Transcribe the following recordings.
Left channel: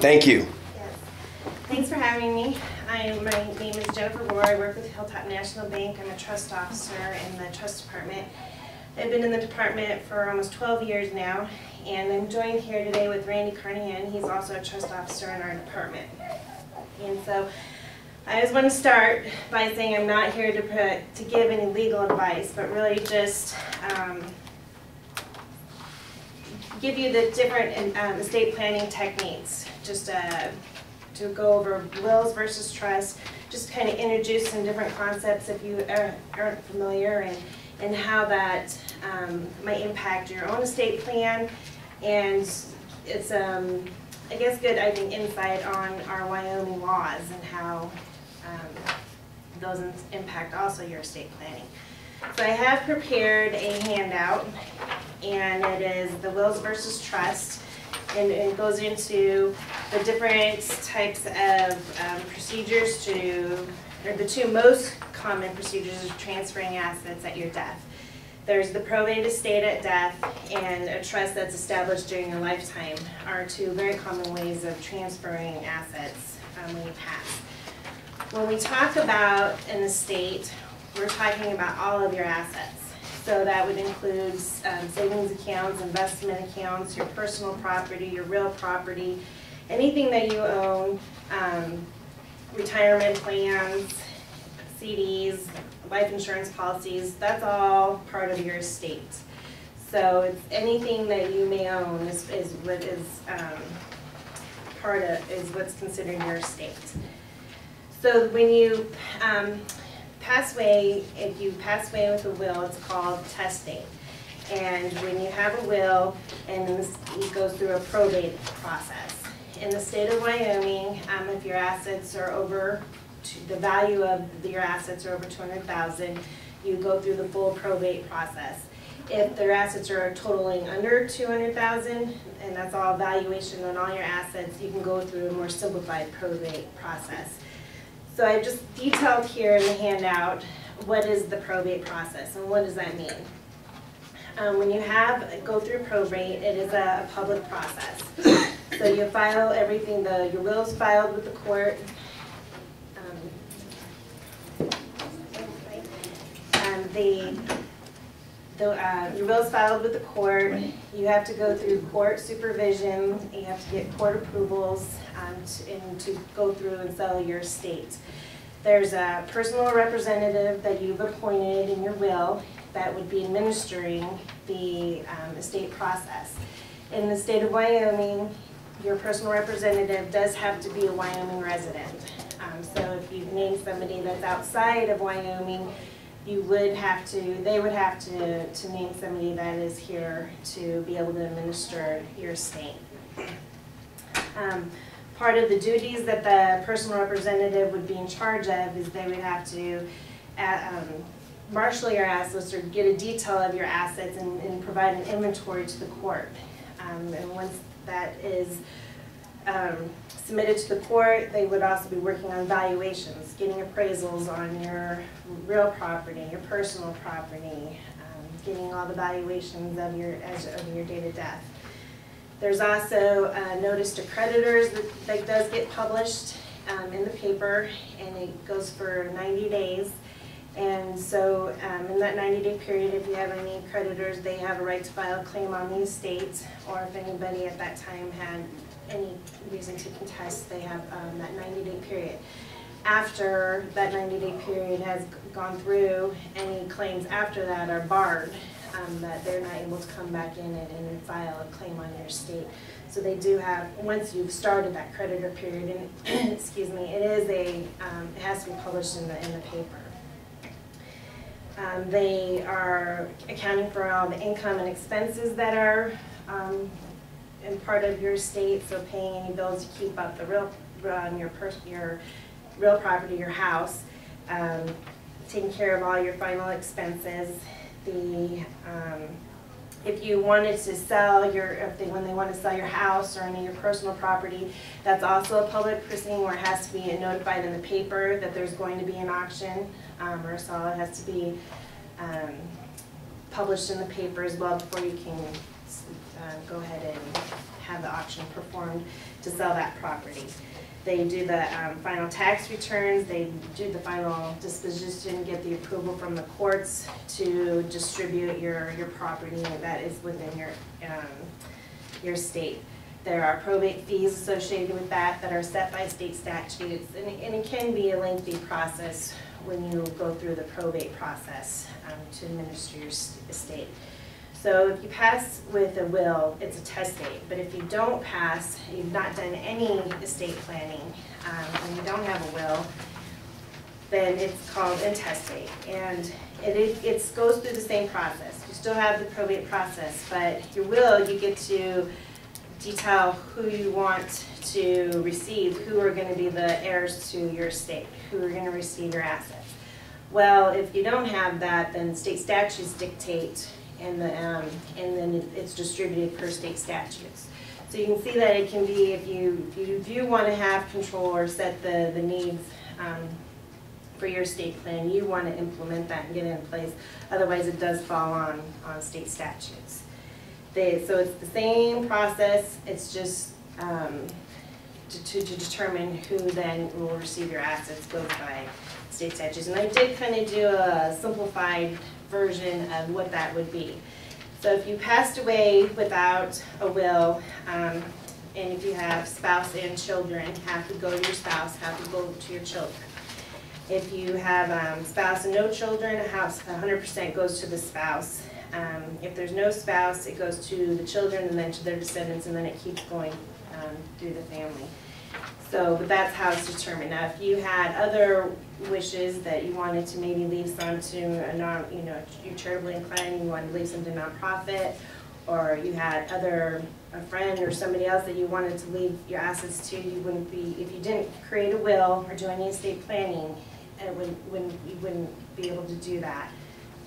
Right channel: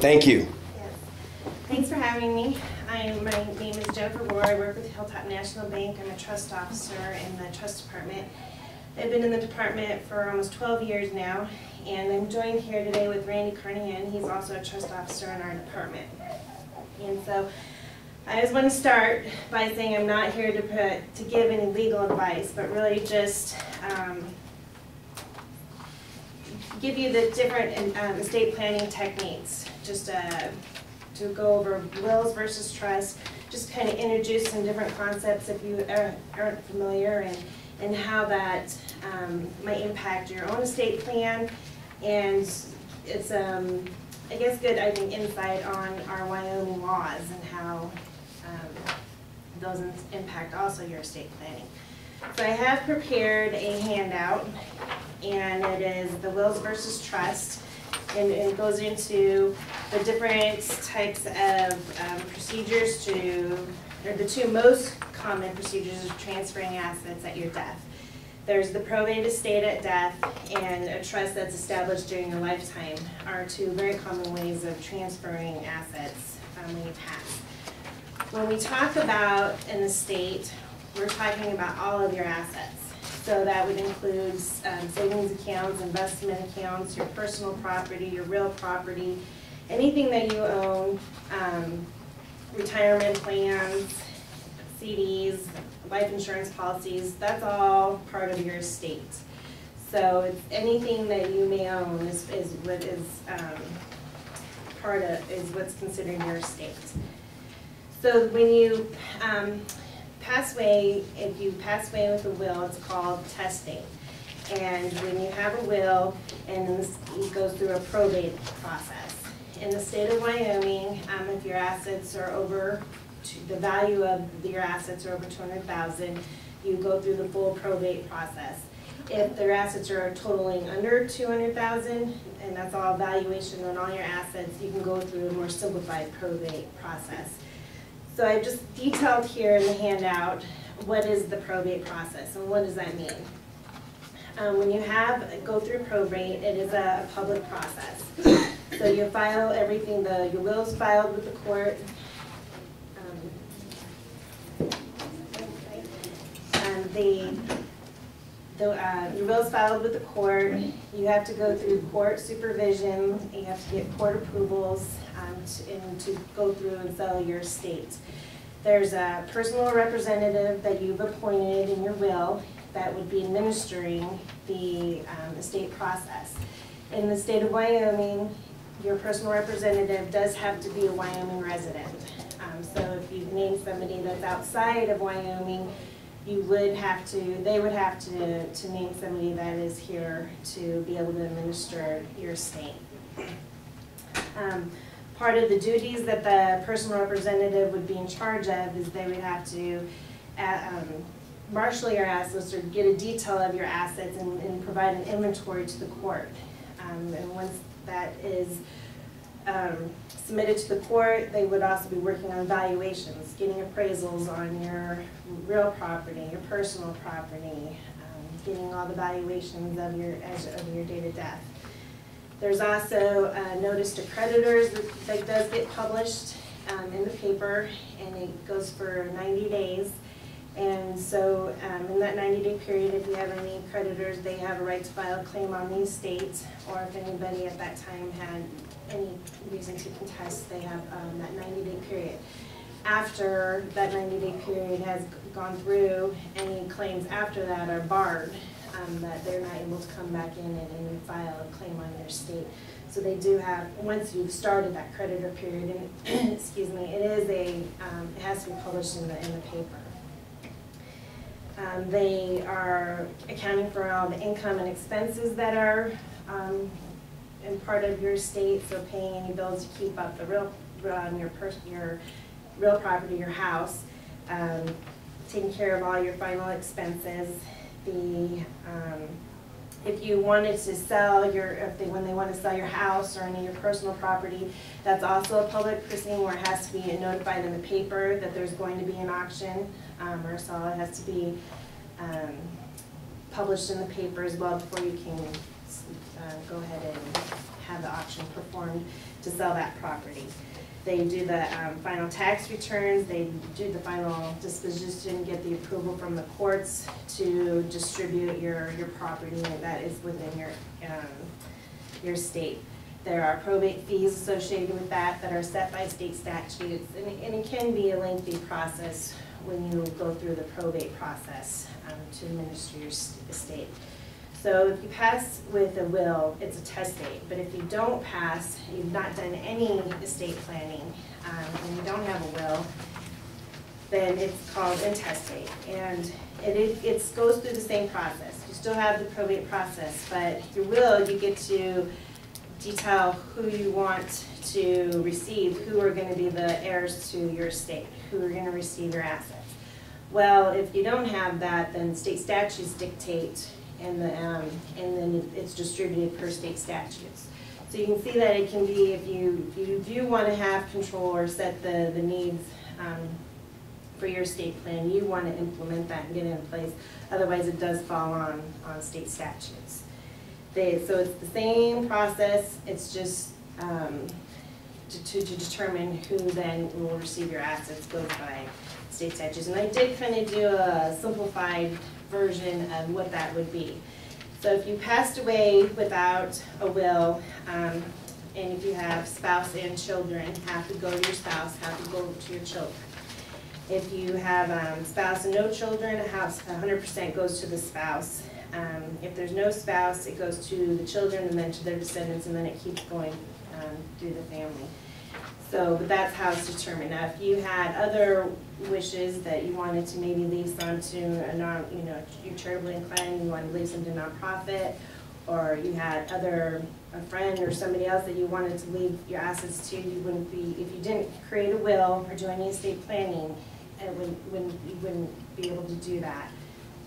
Thank you. Yes. Thanks for having me. My name is JenniferRohrer. I work with Hilltop National Bank. I'm a trust officer in the trust department. I've been in the department for almost 12 years now, and I'm joined here today with Randy Carnahan. He's also a trust officer in our department. And so I just want to start by saying I'm not here to give any legal advice, but really just give you the different estate planning techniques, just to go over wills versus trust, just kind of introduce some different concepts if you aren't familiar, and how that might impact your own estate plan. And it's, I guess, good, I think, insight on our Wyoming laws and how those impact also your estate planning. So I have prepared a handout, and it is the wills versus trust, and it goes into the different types of procedures or the two most common procedures of transferring assets at your death. There's the probate estate at death, and a trust that's established during your lifetime are two very common ways of transferring assets when you pass. When we talk about an estate, we're talking about all of your assets. So that would include savings accounts, investment accounts, your personal property, your real property, anything that you own, retirement plans, CDs, life insurance policies, that's all part of your estate. So it's anything that you may own is what is what's considered your estate. So when you pass away, if you pass away with a will, it's called testing. And when you have a will, and it goes through a probate process. In the state of Wyoming, if your assets are over, the value of your assets are over $200,000, you go through the full probate process. If their assets are totaling under $200,000, and that's all valuation on all your assets, you can go through a more simplified probate process. So I've just detailed here in the handout what is the probate process and what does that mean. When you go through probate, it is a public process. So you file everything, your will is filed with the court. Your will is filed with the court. You have to go through court supervision. You have to get court approvals to go through and sell your estate. There's a personal representative that you've appointed in your will that would be administering the estate process. In the state of Wyoming, your personal representative does have to be a Wyoming resident. So if you name somebody that's outside of Wyoming, they would have to name somebody that is here to be able to administer your estate. Part of the duties that the personal representative would be in charge of is they would have to marshal your assets or get a detail of your assets and provide an inventory to the court. And once that is submitted to the court, they would also be working on valuations, getting appraisals on your real property, your personal property, getting all the valuations of your date of death. There's also a notice to creditors that does get published in the paper, and it goes for 90 days. And so in that 90-day period, if you have any creditors, they have a right to file a claim on the estate, or if anybody at that time had any reason to contest, they have that 90-day period. After that 90-day period has gone through, any claims after that are barred, that they're not able to come back in and file a claim on your estate. So they do have, once you've started that creditor period, and excuse me, it has to be published in the paper. They are accounting for all the income and expenses that are in part of your estate, so paying any bills to keep up the your real property, your house, taking care of all your final expenses. If you wanted to sell when they want to sell your house or any of your personal property, that's also a public proceeding where it has to be notified in the paper that there's going to be an auction or a sale. It has to be published in the paper as well before you can go ahead and have the auction performed to sell that property. They do the final tax returns, they do the final disposition, get the approval from the courts to distribute your property that is within your state. There are probate fees associated with that are set by state statutes, and it can be a lengthy process when you go through the probate process to administer your estate. So if you pass with a will, it's a testate, but if you don't pass, you've not done any estate planning, and you don't have a will, then it's called intestate, and it goes through the same process. You still have the probate process, but your will, you get to detail who you want to receive, who are going to be the heirs to your estate, who are going to receive your assets. Well, if you don't have that, then state statutes dictate, and then it's distributed per state statutes. So you can see that it can be, if you want to have control or set the needs for your estate plan, you want to implement that and get it in place. Otherwise, it does fall on state statutes. So it's the same process. It's just to determine who then will receive your assets goes by state statutes. And I did kind of do a simplified version of what that would be. So if you passed away without a will, and if you have spouse and children, half would go to your spouse, half would go to your children. If you have spouse and no children, a house 100% goes to the spouse. If there's no spouse, it goes to the children and then to their descendants, and then it keeps going through the family. So, but that's how it's determined. Now, if you had other wishes that you wanted to maybe leave some to you're charitably inclined, you wanted to leave some to nonprofit, or you had a friend or somebody else that you wanted to leave your assets to, you wouldn't be, if you didn't create a will or do any estate planning, you wouldn't be able to do that,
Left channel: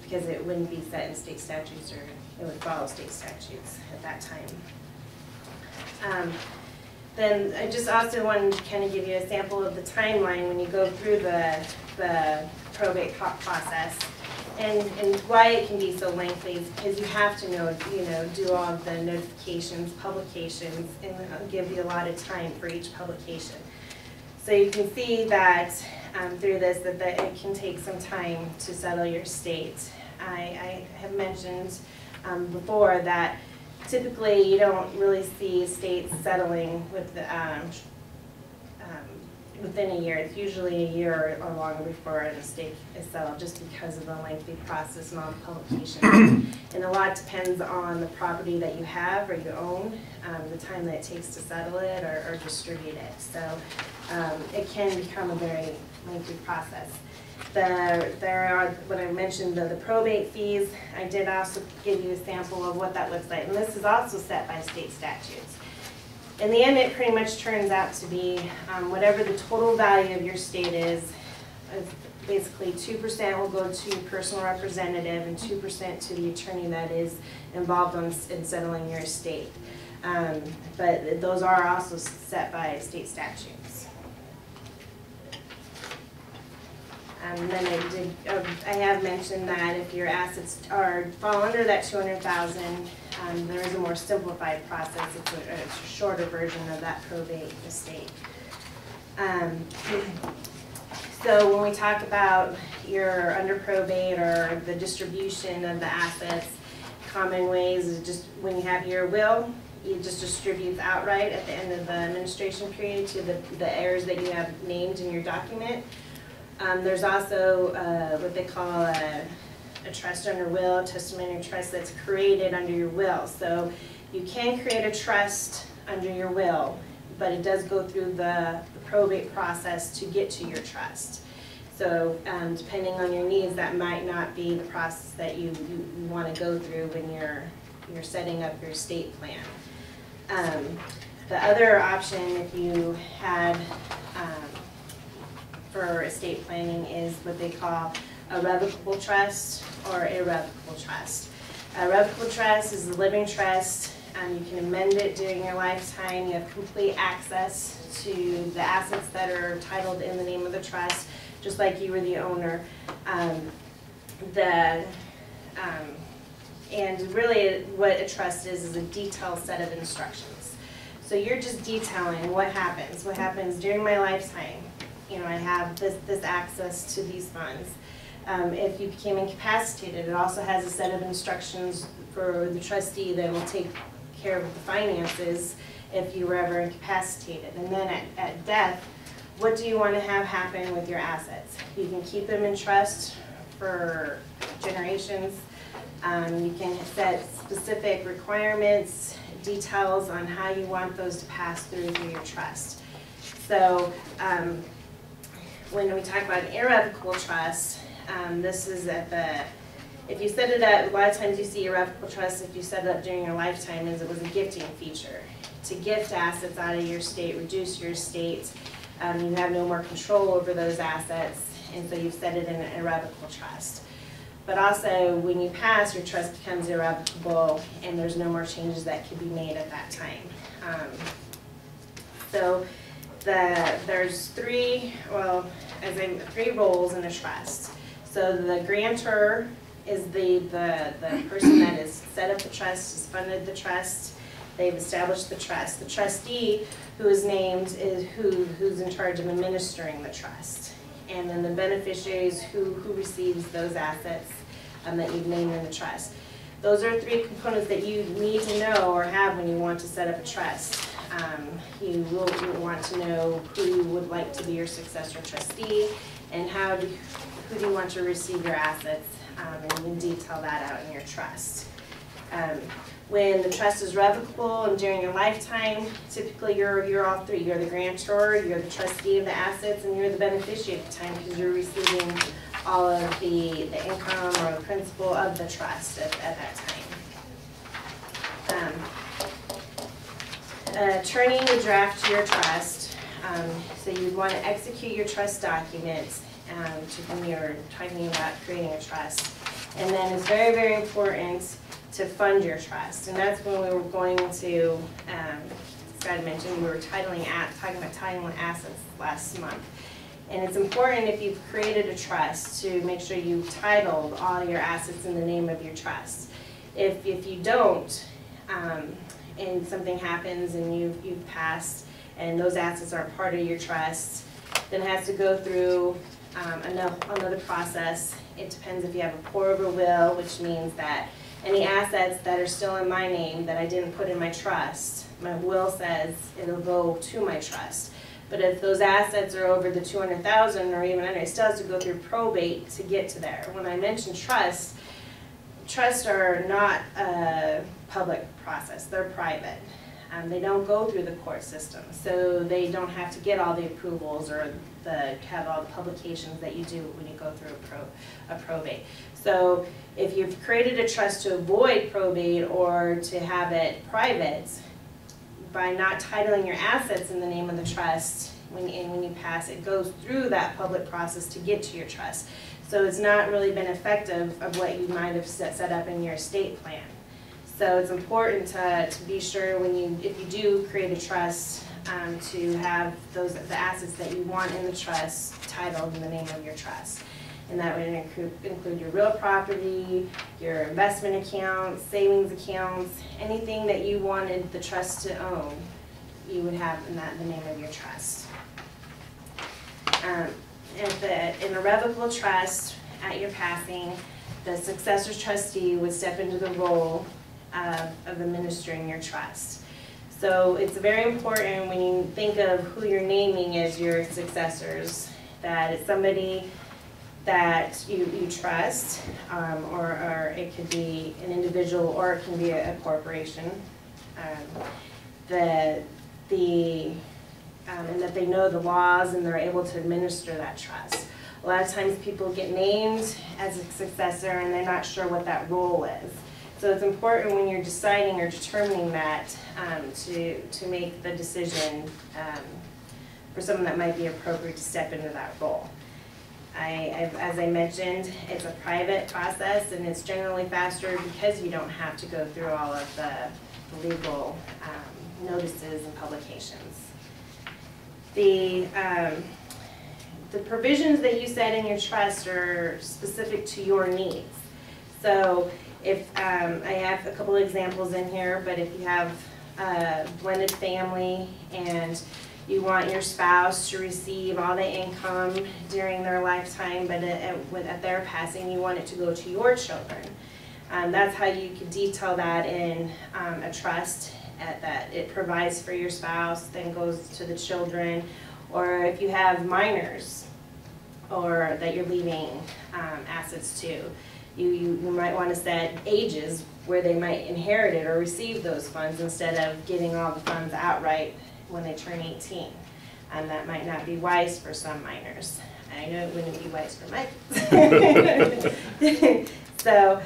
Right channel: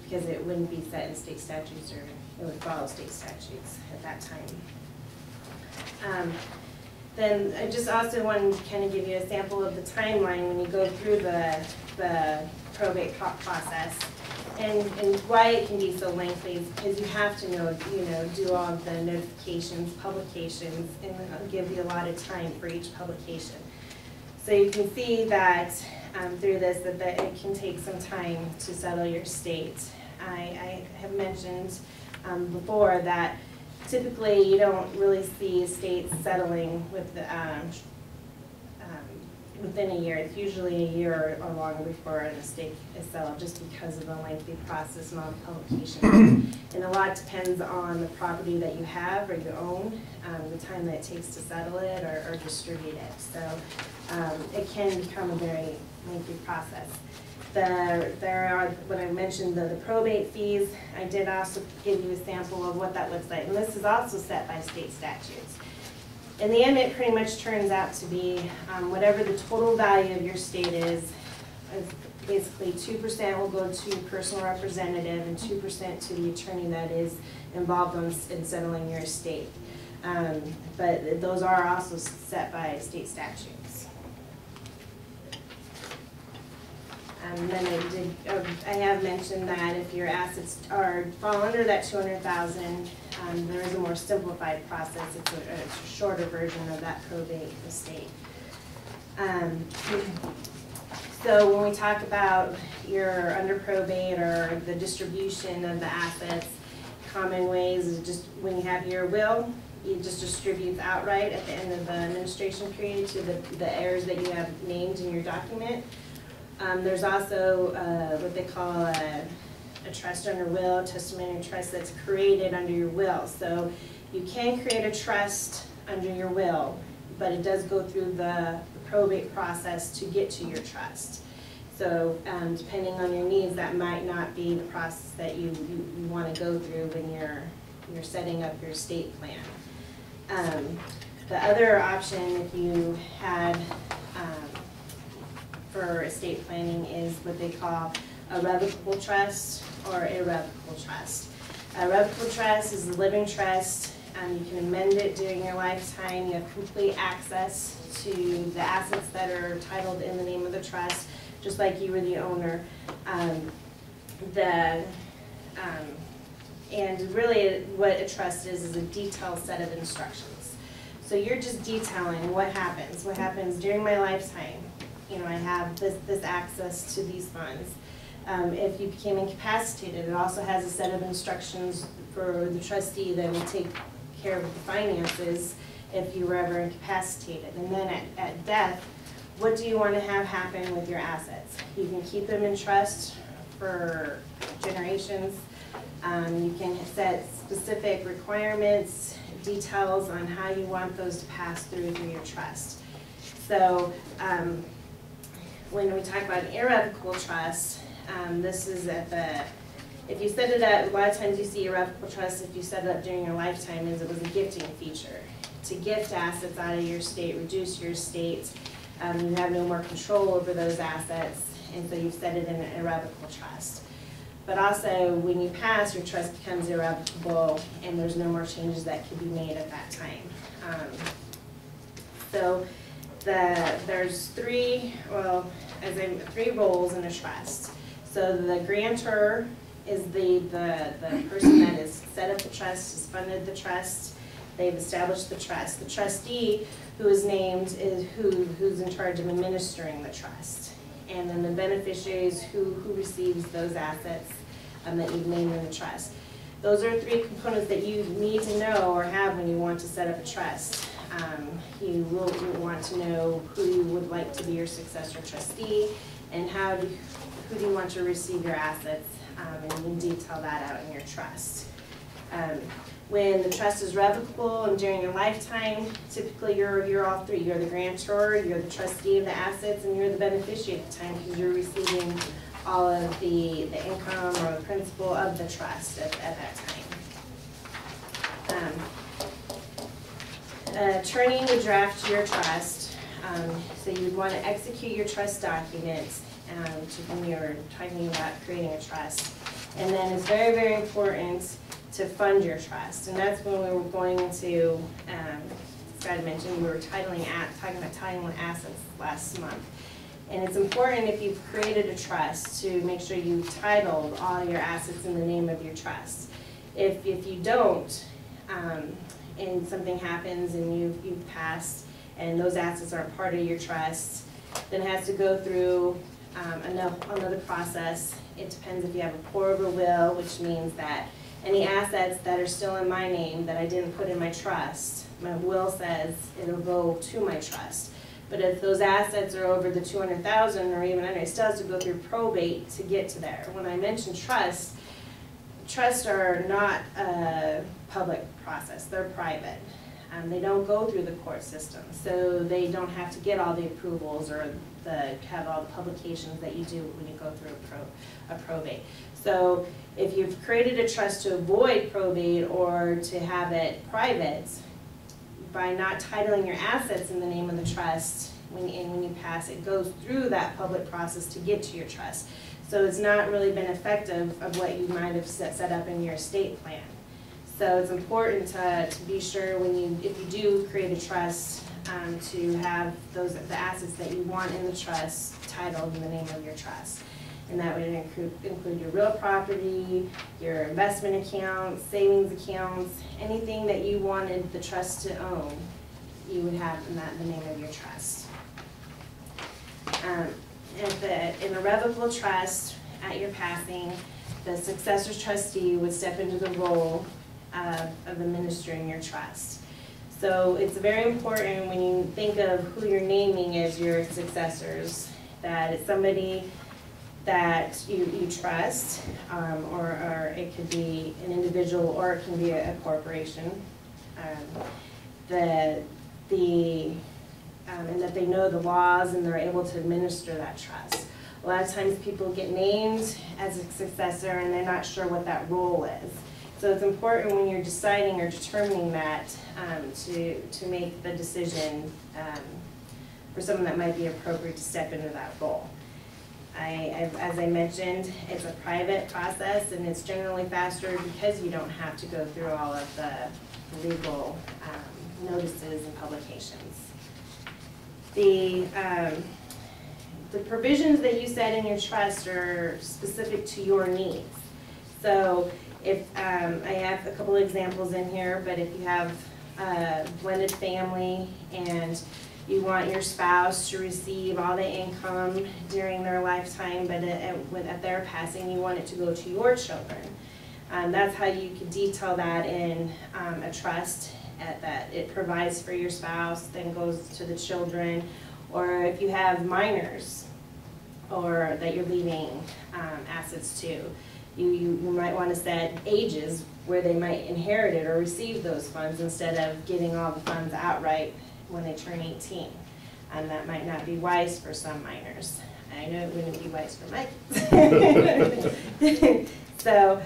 because it wouldn't be set in state statutes, or it would follow state statutes at that time. Then I just also wanted to kind of give you a sample of the timeline when you go through the probate process, and why it can be so lengthy is because you have to do all of the notifications, publications, and I'll give you a lot of time for each publication. So you can see that through this that it can take some time to settle your estate. I have mentioned before that typically you don't really see estates settling with within a year. It's usually a year or longer before an estate is settled, just because of the lengthy process and all the publications. And a lot depends on the property that you have or you own, the time that it takes to settle it or distribute it. So it can become a very lengthy process. There are, what I mentioned, the probate fees. I did also give you a sample of what that looks like, and this is also set by state statutes. In the end, it pretty much turns out to be whatever the total value of your estate is basically 2% will go to your personal representative and 2% to the attorney that is involved in settling your estate. But those are also set by state statutes. Then I have mentioned that if your assets fall under that $200,000, there is a more simplified process. It's a shorter version of that probate estate. So when we talk about you're under probate or the distribution of the assets, common ways is just when you have your will, you just distribute outright at the end of the administration period to the heirs that you have named in your document. There's also what they call a trust under will, testamentary trust that's created under your will. So you can create a trust under your will, but it does go through the probate process to get to your trust. So depending on your needs, that might not be the process that you want to go through when you're setting up your estate plan. The other option, if you had for estate planning, is what they call a revocable trust or irrevocable trust. A revocable trust is a living trust. You can amend it during your lifetime. You have complete access to the assets that are titled in the name of the trust, just like you were the owner. And really what a trust is a detailed set of instructions. So you're just detailing what happens during my lifetime. You know, I have this access to these funds. If you became incapacitated, it also has a set of instructions for the trustee that will take care of the finances if you were ever incapacitated. And then at death, what do you want to have happen with your assets? You can keep them in trust for generations. You can set specific requirements, details on how you want those to pass through your trust. So when we talk about an irrevocable trust, this is if you set it up, a lot of times you see irrevocable trust, if you set it up during your lifetime, is it was a gifting feature. To gift assets out of your estate, reduce your estate, you have no more control over those assets, and so you've set it in an irrevocable trust. But also, when you pass, your trust becomes irrevocable, and there's no more changes that can be made at that time. So there's three roles in a trust. So the grantor is the person that has set up the trust, has funded the trust, they've established the trust. The trustee, who is named, is who's in charge of administering the trust. And then the beneficiaries who receives those assets that you've named in the trust. Those are three components that you need to know or have when you want to set up a trust. You will want to know who you would like to be your successor trustee, and who do you want to receive your assets, and you can detail that out in your trust. When the trust is revocable and during your lifetime, typically you're all three. You're the grantor, you're the trustee of the assets, and you're the beneficiary at the time because you're receiving all of the income or the principal of the trust at that time. An attorney would draft your trust, so you'd want to execute your trust documents when you're talking about creating a trust. And then it's very, very important to fund your trust, and that's when we were going to, Scott mentioned, we were talking about titling assets last month. And it's important, if you've created a trust, to make sure you've titled all your assets in the name of your trust. If you don't, and something happens and you've passed and those assets aren't part of your trust, then it has to go through another process. It depends if you have a pour-over will, which means that any assets that are still in my name that I didn't put in my trust, my will says it'll go to my trust. But if those assets are over the $200,000 or even under, it still has to go through probate to get to there. When I mention trusts are not a public process, they're private. They don't go through the court system, so they don't have to get all the approvals or have all the publications that you do when you go through a probate. So if you've created a trust to avoid probate or to have it private, by not titling your assets in the name of the trust, when you pass, it goes through that public process to get to your trust. So it's not really been effective of what you might have set up in your estate plan. So it's important to be sure if you do create a trust, to have the assets that you want in the trust titled in the name of your trust. And that would include your real property, your investment accounts, savings accounts, anything that you wanted the trust to own, you would have in the name of your trust. In a revocable trust, at your passing, the successor trustee would step into the role of administering your trust. So it's very important when you think of who you're naming as your successors, that it's somebody that you trust, or it could be an individual, or it can be a corporation, and that they know the laws and they're able to administer that trust. A lot of times people get named as a successor and they're not sure what that role is. So it's important when you're deciding or determining that to make the decision for someone that might be appropriate to step into that role. As I mentioned, it's a private process and it's generally faster because you don't have to go through all of the legal notices and publications. The provisions that you set in your trust are specific to your needs. So if I have a couple examples in here, but if you have blended family, and you want your spouse to receive all the income during their lifetime, but at their passing, you want it to go to your children. That's how you can detail that in a trust, that it provides for your spouse, then goes to the children, or if you have minors, or that you're leaving assets to. You might want to set ages where they might inherit it or receive those funds instead of getting all the funds outright when they turn 18. That might not be wise for some minors. I know it wouldn't be wise for my kids. So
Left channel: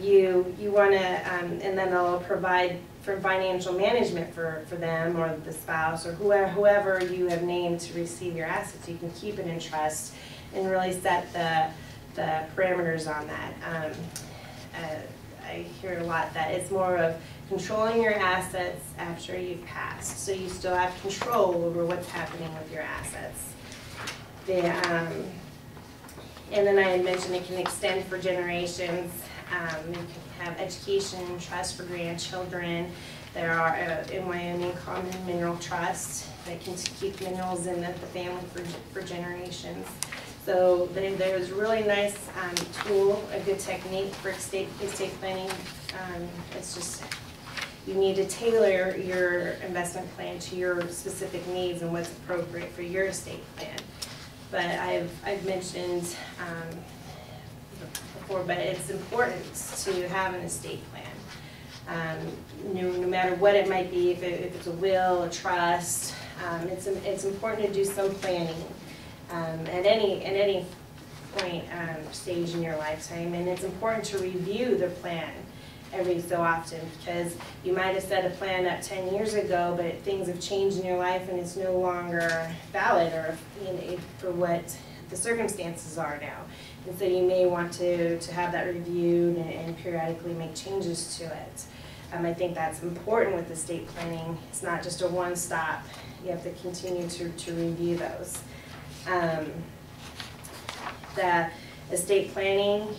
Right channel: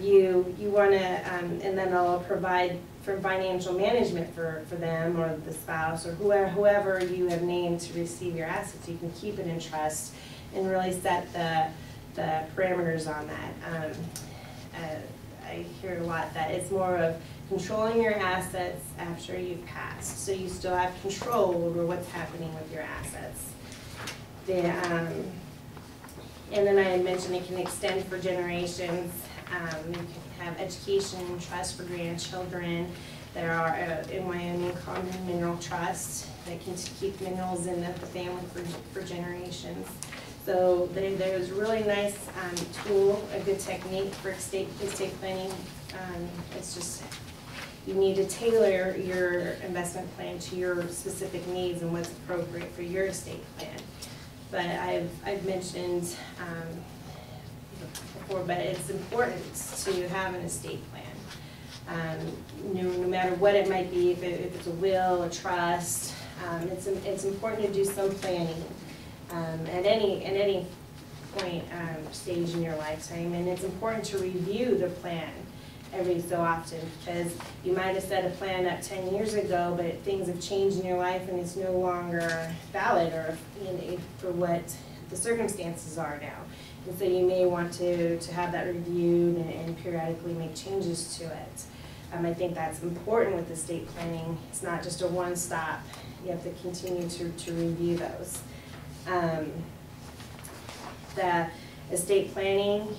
you want to, and then they'll provide for financial management for them or the spouse or whoever you have named to receive your assets. You can keep it in trust and really set the parameters on that. I hear a lot that it's more of controlling your assets after you've passed, so you still have control over what's happening with your assets. And then I had mentioned it can extend for generations. You can have education trust for grandchildren. There are in Wyoming common mineral trusts that can keep minerals in the family for generations. So there's a really nice tool, a good technique for estate planning. It's just, you need to tailor your investment plan to your specific needs and what's appropriate for your estate plan. But I've mentioned before, but it's important to have an estate plan. No matter what it might be, if it's a will, a trust, it's important to do some planning. At any point, stage in your lifetime, and it's important to review the plan every so often, because you might have set a plan up 10 years ago, but things have changed in your life and it's no longer valid or for what the circumstances are now. And so you may want to have that reviewed and periodically make changes to it. I think that's important with estate planning. It's not just a one-stop. You have to continue to review those. The estate planning,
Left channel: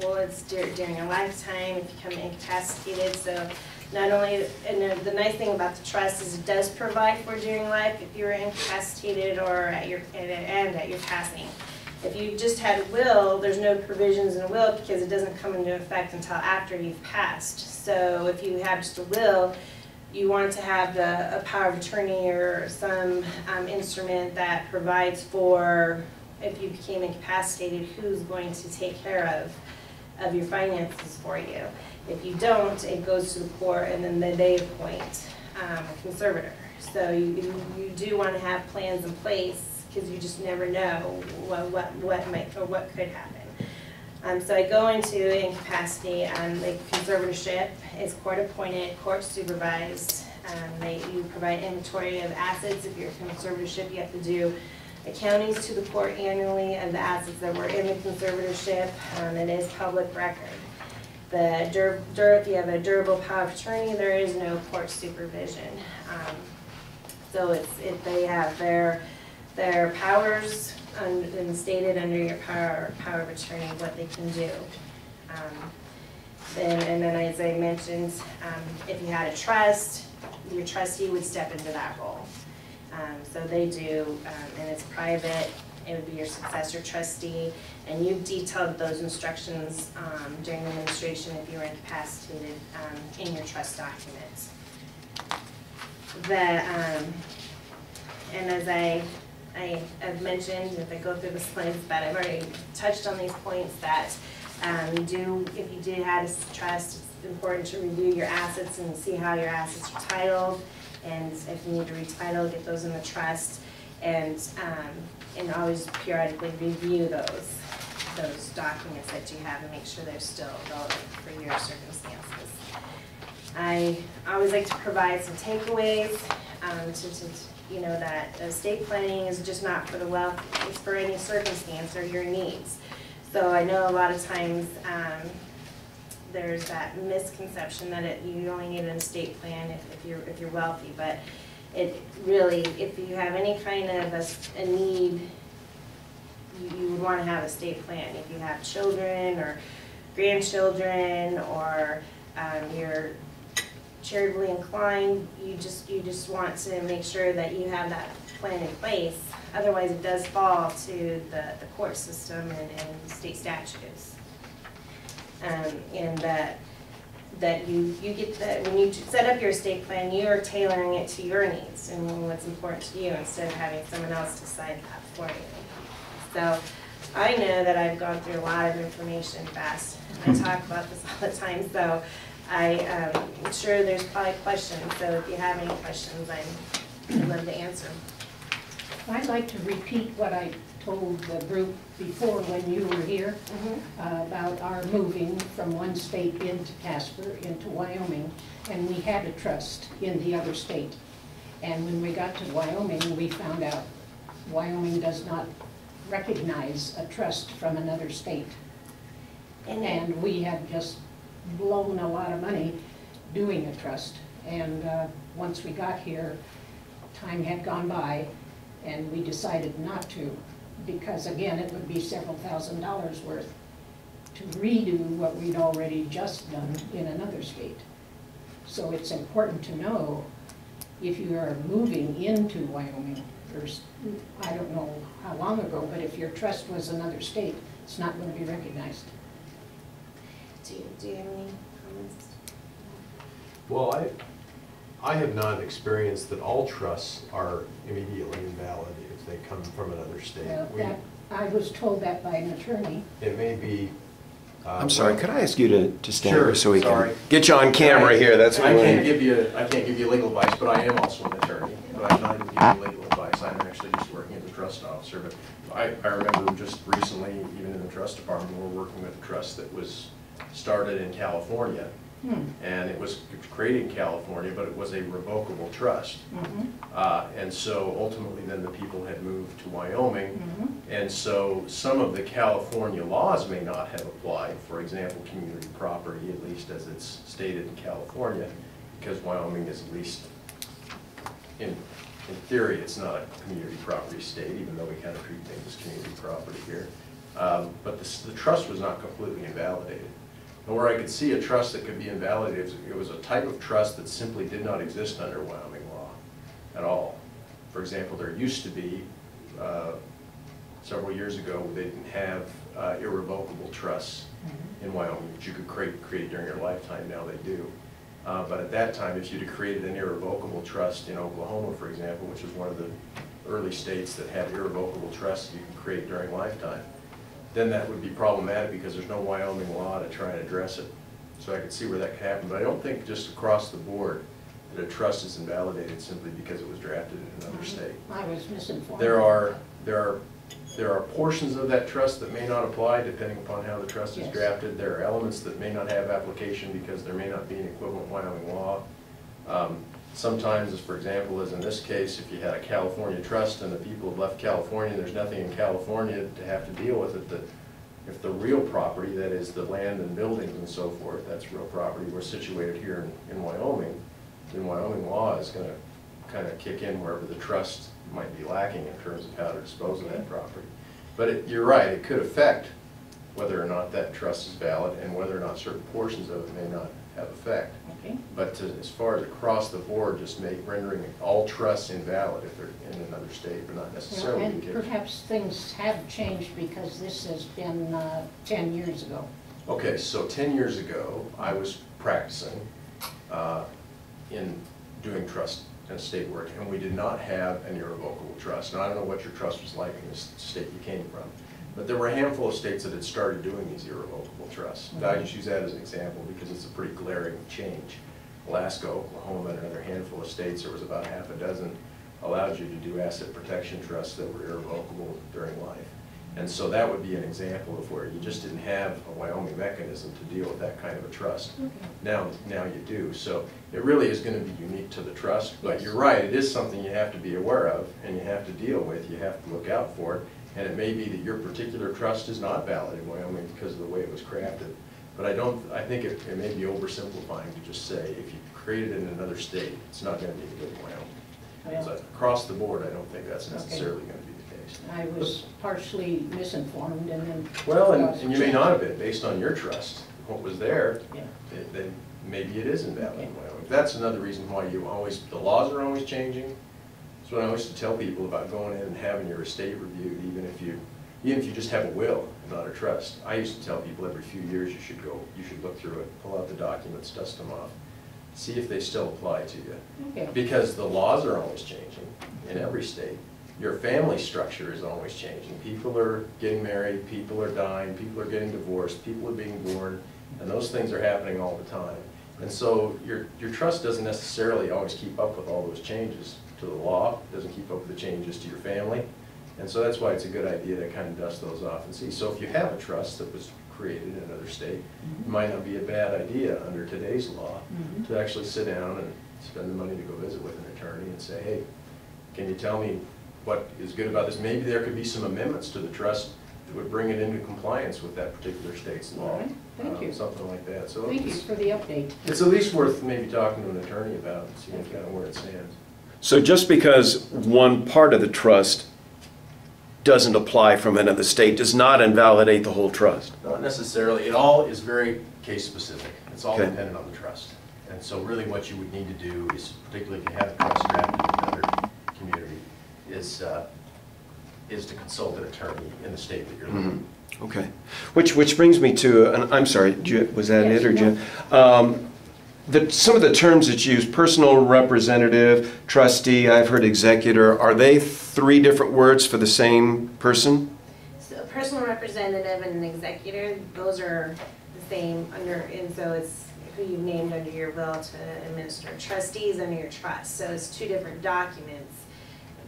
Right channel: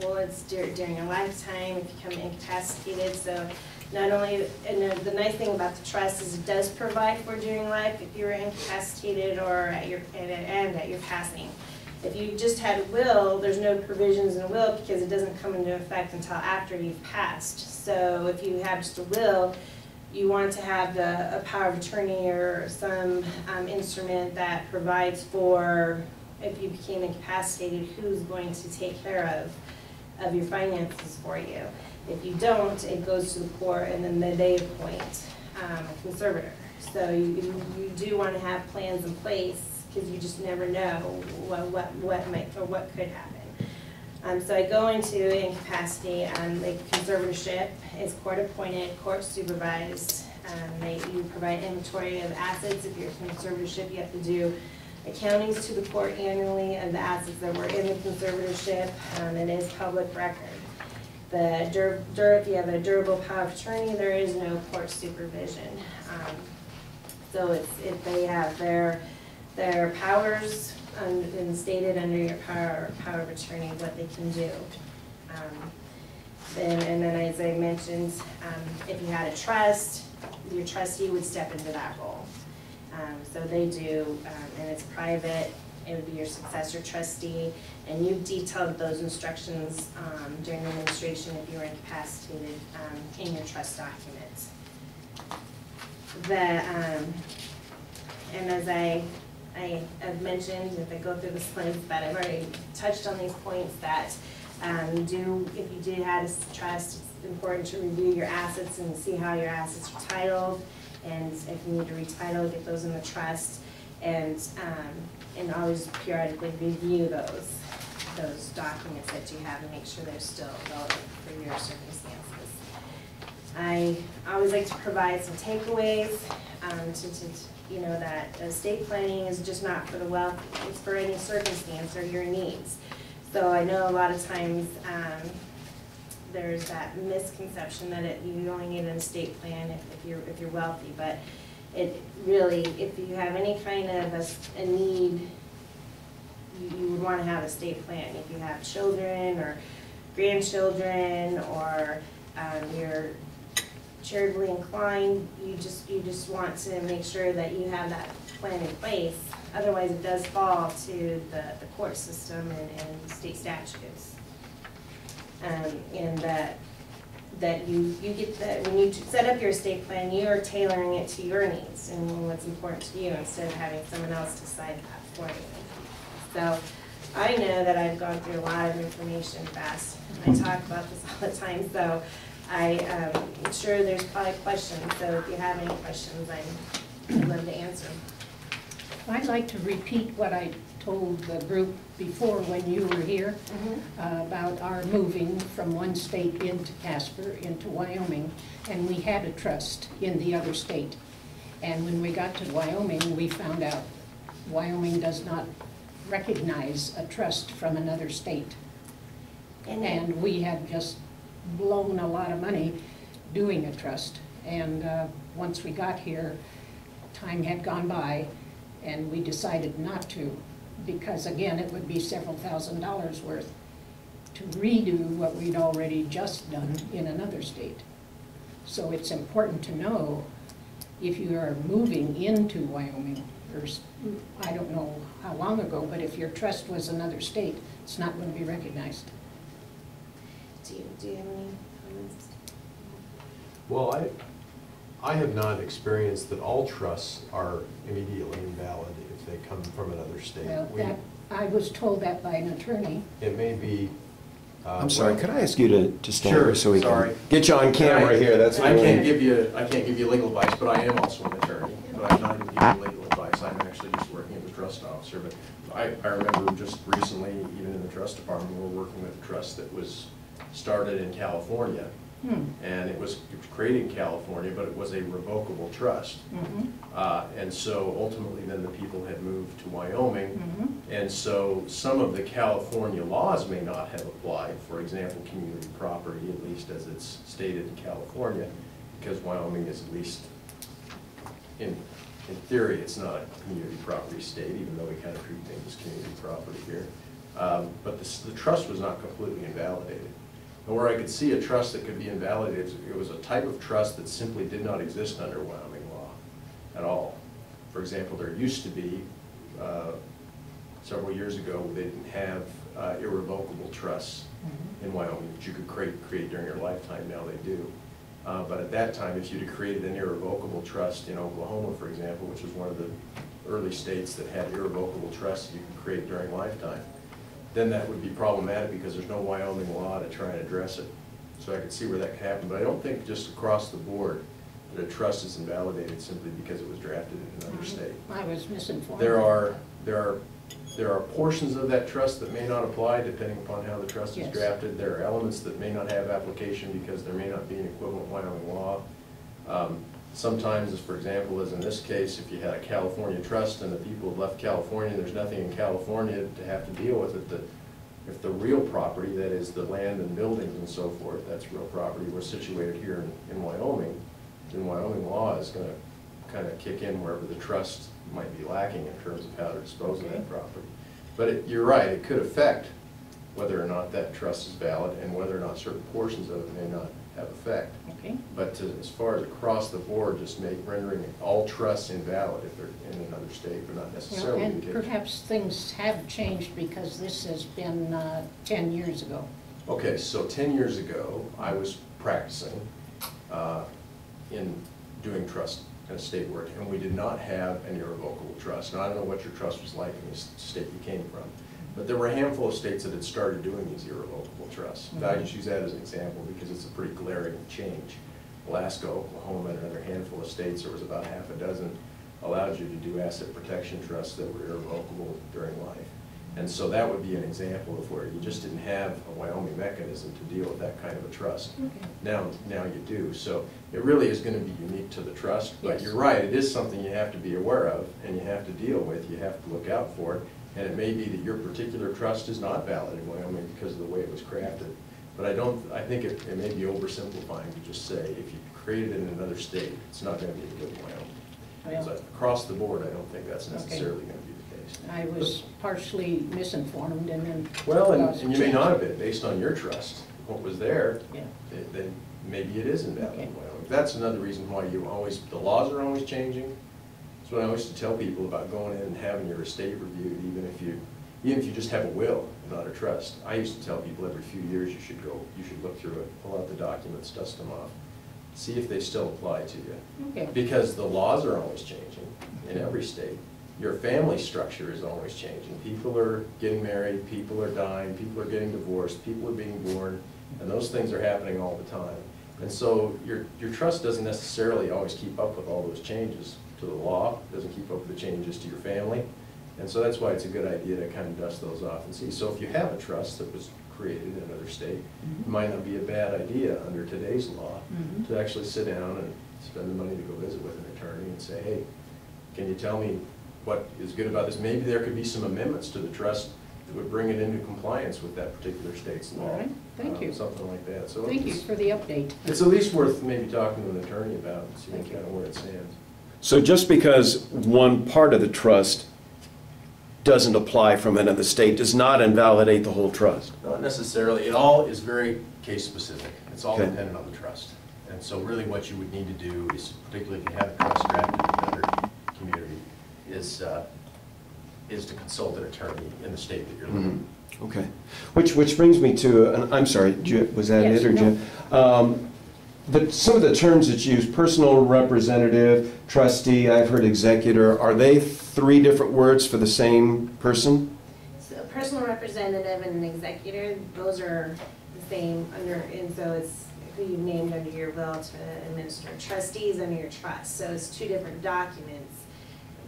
well, it's during your lifetime if you become incapacitated. So not only, and the nice thing about the trust is it does provide for during life if you were incapacitated or at your passing. If you just had a will, there's no provisions in a will because it doesn't come into effect until after you've passed. So if you have just a will, you want to have a power of attorney or some instrument that provides for, if you became incapacitated, who's going to take care of your finances for you. If you don't, it goes to the court and then they appoint a conservator. So you do want to have plans in place because you just never know what might or what could happen. So I go into incapacity. The conservatorship is court appointed, court supervised. You provide inventory of assets. If you're a conservatorship, you have to do accountings to the court annually of the assets that were in the conservatorship. It is public record. If you have a durable power of attorney, there is no court supervision. So they have their powers and stated under your power of attorney what they can do. And then as I mentioned, if you had a trust, your trustee would step into that role. So they do, and it's private. It would be your successor trustee, and you've detailed those instructions during the administration if you were incapacitated in your trust documents. And as I have mentioned, if I go through the slides, that I've already touched on these points, that if you did have a trust, it's important to review your assets and see how your assets are titled, and if you need to retitle, get those in the trust, and always periodically review those documents that you have and make sure they're still relevant for your circumstances. I always like to provide some takeaways that estate planning is just not for the wealthy, it's for any circumstance or your needs. So I know a lot of times there's that misconception that you only need an estate plan if you're wealthy, but it really, if you have any kind of a need, you would want to have an estate plan. If you have children or grandchildren, or you're charitably inclined, you just want to make sure that you have that plan in place. Otherwise, it does fall to the court system and state statutes. And that you get that when you set up your estate plan, you are tailoring it to your needs and what's important to you instead of having someone else decide that for you. So I know that I've gone through a lot of information fast. I talk about this all the time, so I'm sure there's probably questions. So if you have any questions, I'd love to answer them. I'd like to repeat what I told the group before when you were here about our moving from one state into Casper, into Wyoming, and we had a trust in the other state. And when we got to Wyoming, we found out Wyoming does not recognize a trust from another state. And we had just blown a lot of money doing a trust. And once we got here, time had gone by, and we decided not to, because again, it would be several $1,000s worth to redo what we'd already just done in another state. So it's important to know if you are moving into Wyoming, or I don't know how long ago, but if your trust was another state, it's not going to be recognized. Do you have any comments? Well, I have not experienced that all trusts are immediately invalid if they come from another state. Well, I was told that by an attorney. It may be. I'm sorry, could I ask you to stand Sure, here so we sorry. can get you on camera here? That's what I can't give you legal advice, but I am also an attorney. But I'm not giving you legal advice. I'm actually just working as a trust officer. But I remember just recently, even in the trust department, we're working with a trust that was started in California. And it was created in California, but it was a revocable trust. And so ultimately then the people had moved to Wyoming. And so some of the California laws may not have applied. For example, community property, at least as it's stated in California, because Wyoming is, at least in theory, it's not a community property state, even though we kind of treat things as community property here. But the trust was not completely invalidated. And where I could see a trust that could be invalidated, it was a type of trust that simply did not exist under Wyoming law at all. For example, there used to be, several years ago, they didn't have irrevocable trusts in Wyoming that you could create during your lifetime. Now they do. But at that time, if you'd have created an irrevocable trust in Oklahoma, for example, which was one of the early states that had irrevocable trusts you could create during lifetime, then that would be problematic because there's no Wyoming law to try and address it. So I could see where that could happen, but I don't think just across the board that a trust is invalidated simply because it was drafted in another state. I was misinformed. There are portions of that trust that may not apply depending upon how the trust is drafted. There are elements that may not have application because there may not be an equivalent Wyoming law. Sometimes, as for example, as in this case, if you had a California trust and the people have left California, there's nothing in California to have to deal with it. If the real property, that is the land and buildings and so forth, that's real property, were situated here in Wyoming, then Wyoming law is going to kind of kick in wherever the trust might be lacking in terms of how to dispose of that property. But you're right, it could affect whether or not that trust is valid and whether or not certain portions of it may not have effect. Okay. But as far as across the board, just rendering all trusts invalid if they're in another state, but not necessarily. Well, and perhaps things have changed because this has been 10 years ago. Okay, so 10 years ago, I was practicing in doing trust and estate work, and we did not have an irrevocable trust. Now, I don't know what your trust was like in the state you came from, but there were a handful of states that had started doing these irrevocable trusts. I just use that as an example because it's a pretty glaring change. Alaska, Oklahoma, and another handful of states, there was about half a dozen, allowed you to do asset protection trusts that were irrevocable during life. And so that would be an example of where you just didn't have a Wyoming mechanism to deal with that kind of a trust. Okay. Now you do. So it really is going to be unique to the trust, but you're right, it is something you have to be aware of and you have to deal with, you have to look out for it. And it may be that your particular trust is not valid in Wyoming because of the way it was crafted. But I think it may be oversimplifying to just say if you create it in another state, it's not going to be good in Wyoming. So across the board, I don't think that's necessarily going to be the case. I was partially misinformed and then... Well, and you may not have been, based on your trust. What was there, then maybe it is invalid in Wyoming. that's another reason why the laws are always changing. That's what I always used to tell people about going in and having your estate reviewed, even if you just have a will and not a trust. I used to tell people every few years you should look through it, pull out the documents, dust them off, see if they still apply to you. Okay. Because the laws are always changing in every state. Your family structure is always changing. People are getting married, people are dying, people are getting divorced, people are being born, and those things are happening all the time. And so your trust doesn't necessarily always keep up with all those changes to the law, doesn't keep up with the changes to your family. And so that's why it's a good idea to kind of dust those off and see. So if you have a trust that was created in another state, it might not be a bad idea under today's law to actually sit down and spend the money to go visit with an attorney and say, hey, can you tell me what is good about this? Maybe there could be some amendments to the trust that would bring it into compliance with that particular state's law. All right, thank you. Something like that. So Thank you for the update. it's at least worth maybe talking to an attorney about and seeing kind of where it stands. So just because one part of the trust doesn't apply from another state does not invalidate the whole trust? Not necessarily. It all is very case specific. It's all Okay. dependent on the trust. And so really what you would need to do is, particularly if you have a trust drafted in another community, is to consult an attorney in the state that you're living. Okay. Which brings me to, and I'm sorry, was that Yes, it or no. Jen? Some of the terms that you use, personal representative, trustee, I've heard executor, are they three different words for the same person? So a personal representative and an executor, those are the same under, and so it's who you named under your will to administer. Trustees under your trust, so it's two different documents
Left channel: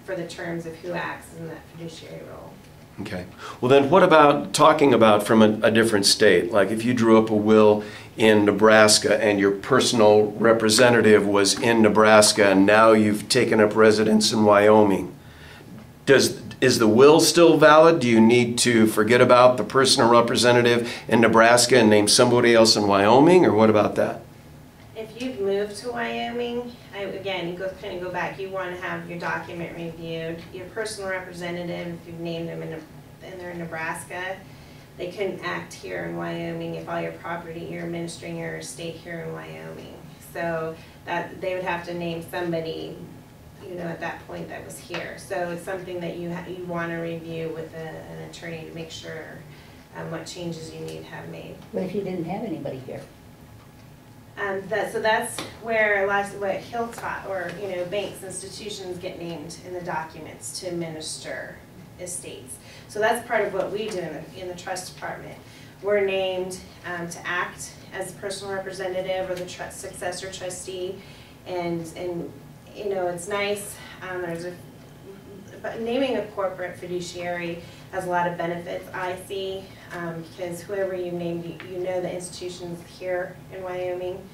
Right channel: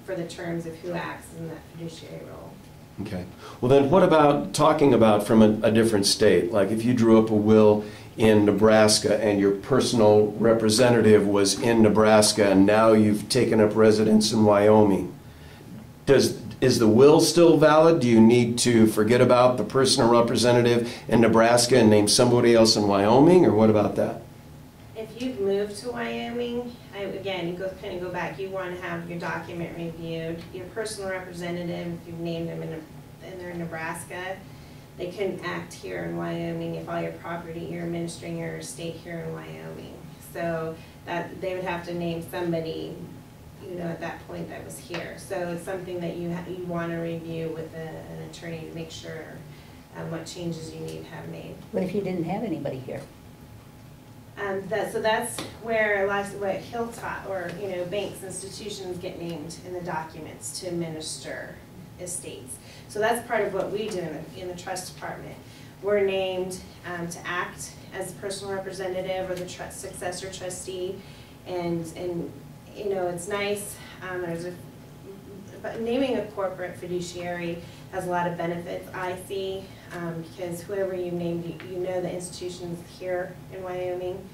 for the terms of who acts in that fiduciary role. Okay. Well then, what about talking about from a different state? Like if you drew up a will in Nebraska and your personal representative was in Nebraska and now you've taken up residence in Wyoming, is the will still valid? Do you need to forget about the personal representative in Nebraska and name somebody else in Wyoming, or what about that? If you've moved to Wyoming, again, you kind of go back, you want to have your document reviewed. Your personal representative, if you've named them and they're in Nebraska, they couldn't act here in Wyoming if all your property, you're administering your estate here in Wyoming. So that they would have to name somebody, at that point that was here. So it's something that you want to review with an attorney to make sure what changes you need to have made. What if you didn't have anybody here? So that's where what Hilltop or banks, institutions get named in the documents to administer estates. So that's part of what we do in the trust department. We're named to act as personal representative or the successor trustee, and it's nice. But naming a corporate fiduciary has a lot of benefits, I see, because whoever you named, the institution's here in Wyoming,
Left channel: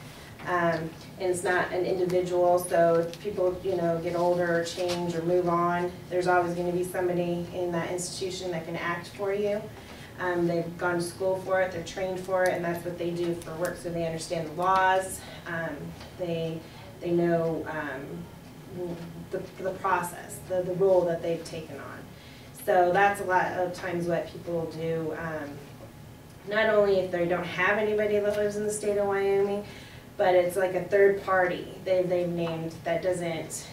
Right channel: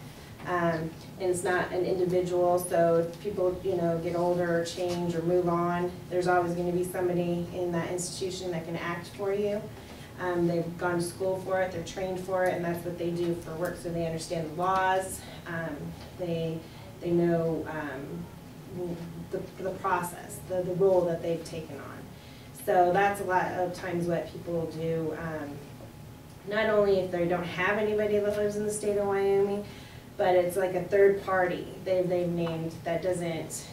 and it's not an individual, so if people, get older or change or move on, there's always going to be somebody in that institution that can act for you. They've gone to school for it, they're trained for it, and that's what they do for work, so they understand the laws, they know the process, the role that they've taken on. So that's a lot of times what people do, not only if they don't have anybody that lives in the state of Wyoming, but it's like a third party they've named that doesn't,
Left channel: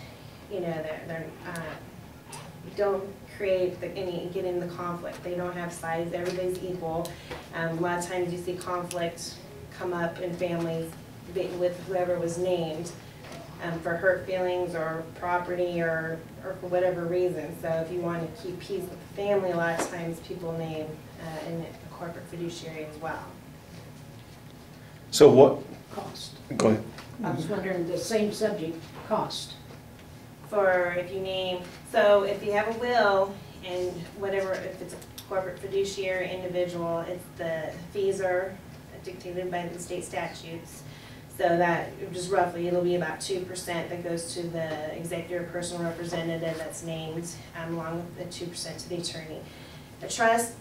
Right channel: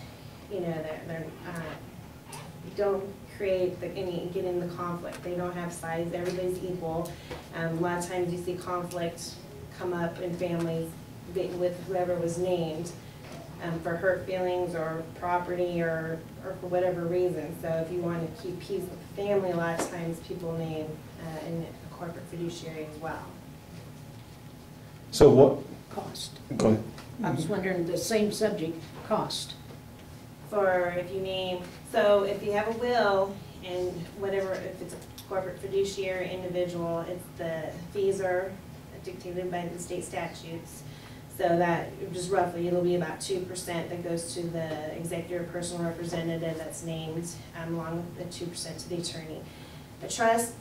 don't create get in the conflict. They don't have sides, everybody's equal. A lot of times you see conflict come up in families with whoever was named. For hurt feelings or property or for whatever reason. So if you want to keep peace with the family, a lot of times people name in a corporate fiduciary as well. So what? Cost. Go ahead. I was wondering, the same subject, cost. For if you name, so if you have a will and whatever, if it's a corporate fiduciary individual, it's the fees are dictated by the state statutes. So that, just roughly, it'll be about 2% that goes to the executive personal representative that's named, along with the 2% to the attorney. A trust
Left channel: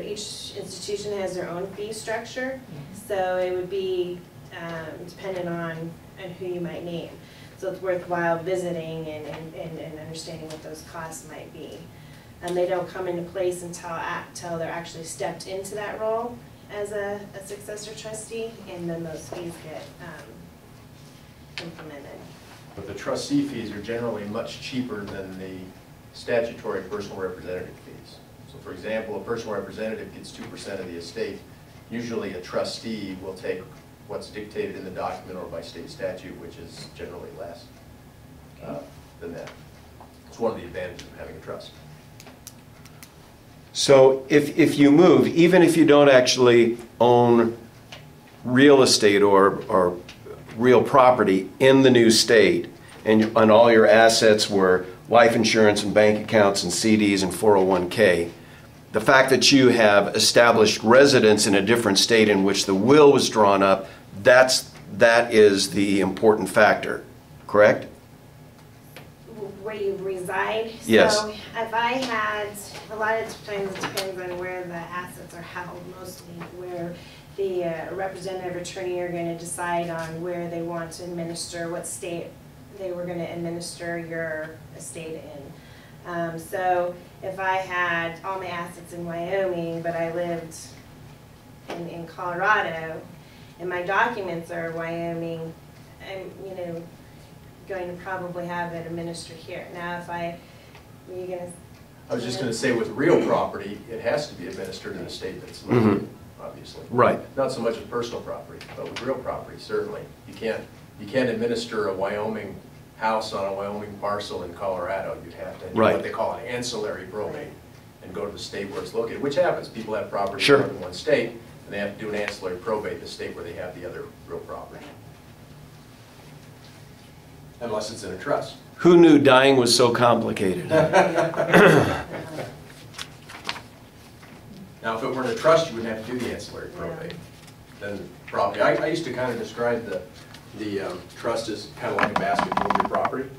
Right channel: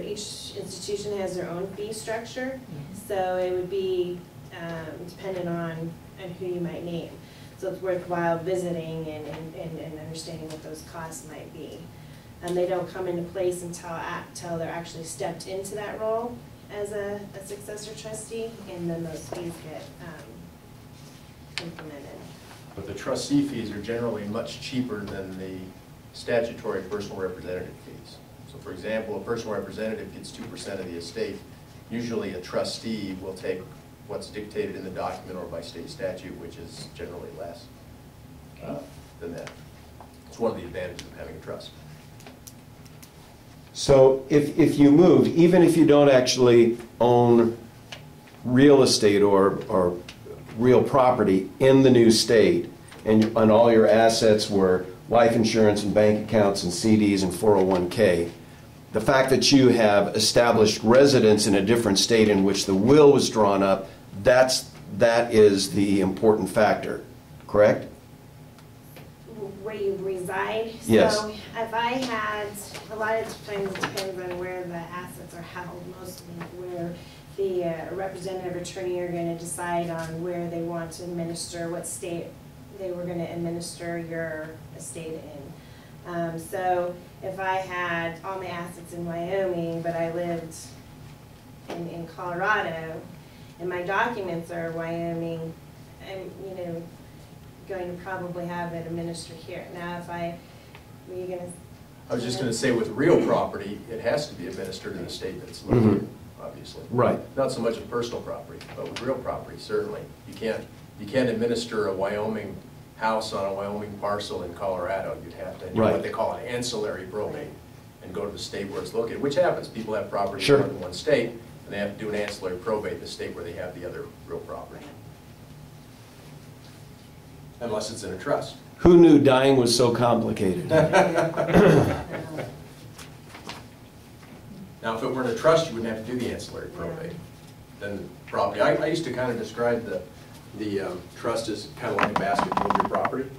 each institution has their own fee structure, so it would be dependent on who you might name. So it's worthwhile visiting and understanding what those costs might be. And they don't come into place until they're actually stepped into that role as a successor trustee, and then those fees get implemented. But the trustee fees are generally much cheaper than the statutory personal representative fees. So for example, a personal representative gets 2% of the estate. Usually a trustee will take what's dictated in the document or by state statute, which is generally less than that. It's one of the advantages of having a trust. So if you move, even if you don't actually own real estate or real property in the new state, and all your assets were life insurance and bank accounts and CDs and 401k, the fact that you have established residence in a different state in which the will was drawn up, that is the important factor, correct? Where you reside? Yes. So if I had, a lot of times it depends on where the assets are held, mostly where the representative attorney are going to decide on where they want to administer, what state they were going to administer your estate in. So if I had all my assets in Wyoming, but I lived in Colorado, and my documents are Wyoming, I'm, going to probably have it administered here. Now, if were you gonna? I was just going to say, with real property, it has to be administered in the state that it's located, obviously. Right. Not so much with personal property, but with real property, certainly. You can't administer a Wyoming house on a Wyoming parcel in Colorado. You'd have to do what they call an ancillary probate and go to the state where it's located, which happens. People have property in more than one state, and they have to do an ancillary probate in the state where they have the other real property. Unless it's in a trust. Who knew dying was so complicated? Now, if it were in a trust, you wouldn't have to do the ancillary probate. Then property. I used to kind of describe the trust as kind of like a basket full of your property.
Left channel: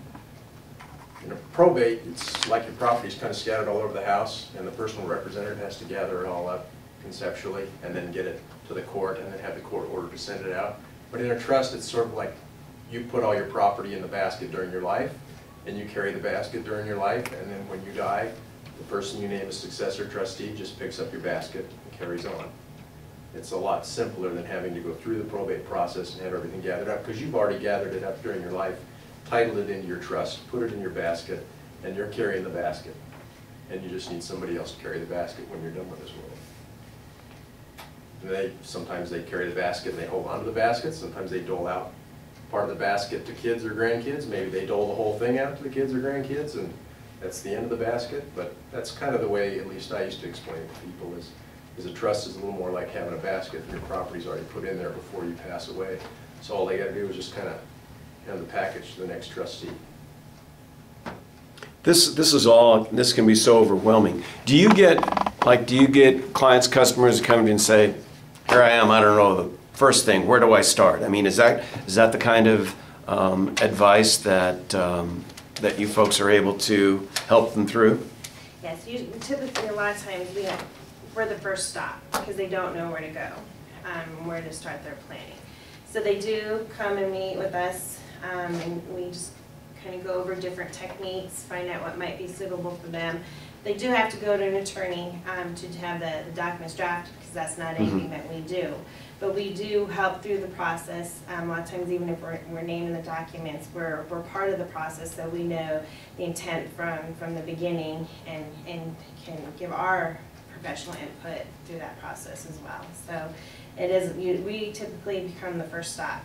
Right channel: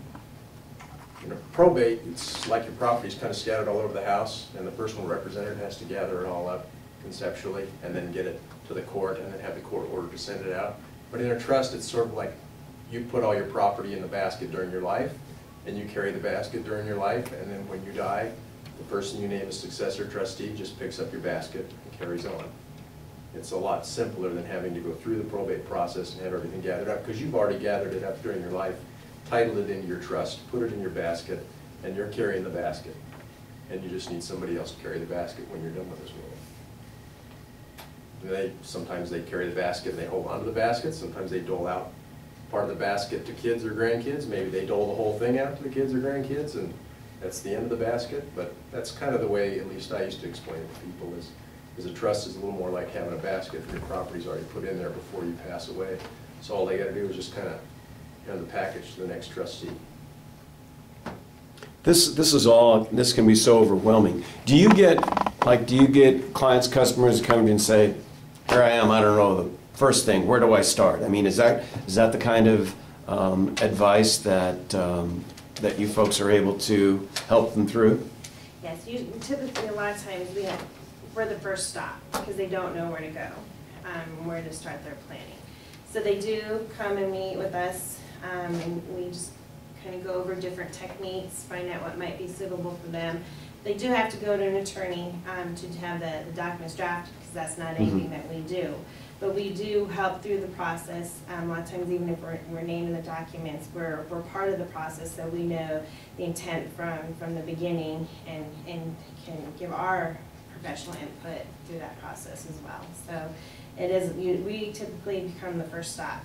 In a probate, it's like your property is kind of scattered all over the house, and the personal representative has to gather it all up conceptually and then get it to the court and then have the court order to send it out. But in a trust, it's sort of like you put all your property in the basket during your life, and you carry the basket during your life, and then when you die, the person you name as successor trustee just picks up your basket and carries on. It's a lot simpler than having to go through the probate process and have everything gathered up, because you've already gathered it up during your life, titled it into your trust, put it in your basket, and you're carrying the basket. And you just need somebody else to carry the basket when you're done with this world. And sometimes they carry the basket and they hold onto the basket, sometimes they dole out part of the basket to kids or grandkids. Maybe they dole the whole thing out to the kids or grandkids, and that's the end of the basket. But that's kind of the way, at least I used to explain it to people, is a trust is a little more like having a basket, and your property's already put in there before you pass away. So all they got to do is just kind of hand the package to the next trustee. This can be so overwhelming. Do you get clients, customers who come in and say, here I am, I don't know the first thing, where do I start? I mean, is that the kind of advice that that you folks are able to help them through? Yes, typically a lot of times we're the first stop because they don't know where to go, where to start their planning. So they do come and meet with us, and we just kind of go over different techniques, find out what might be suitable for them. They do have to go to an attorney to have the documents drafted, because that's not anything that we do. But we do help through the process. A lot of times, even if we're named in the documents, we're part of the process, so we know the intent from the beginning and can give our professional input through that process as well. So it is, we typically become the first stop.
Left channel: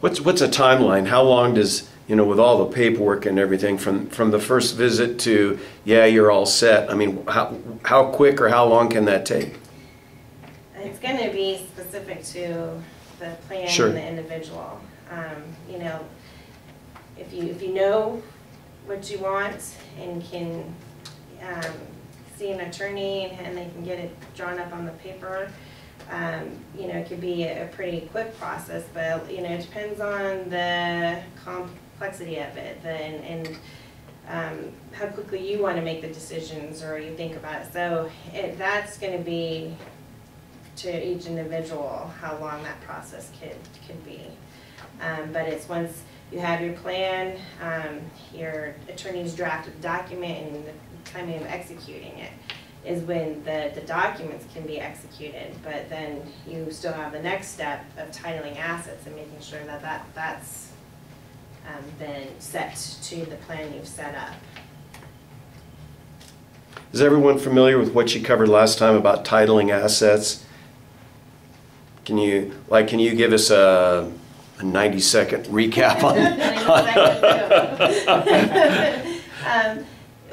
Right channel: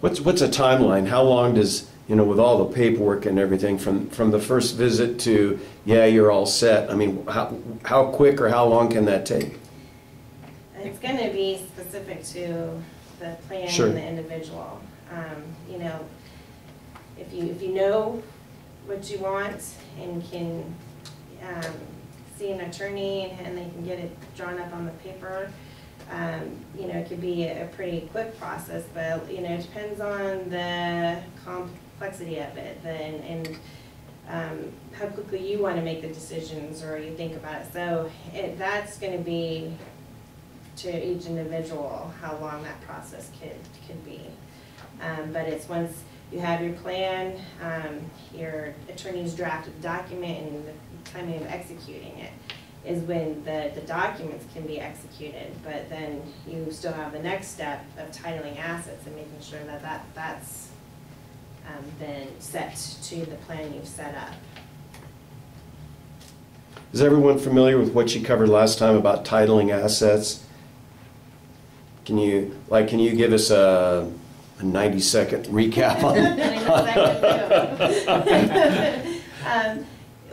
What's a timeline? How long does, with all the paperwork and everything, from the first visit to, yeah, you're all set? I mean, how quick or how long can that take? It's going to be specific to the plan and the individual. If you know what you want and can see an attorney and they can get it drawn up on the paper, it could be a pretty quick process, but it depends on the complexity of it and how quickly you want to make the decisions or you think about it. So that's going to be to each individual how long that process could be. But it's once you have your plan, your attorney's drafted the document, and the timing of executing it. is when the documents can be executed, but then you still have the next step of titling assets and making sure that that's been set to the plan you've set up. Is everyone familiar with what you covered last time about titling assets? Can you give us a 90-second recap on?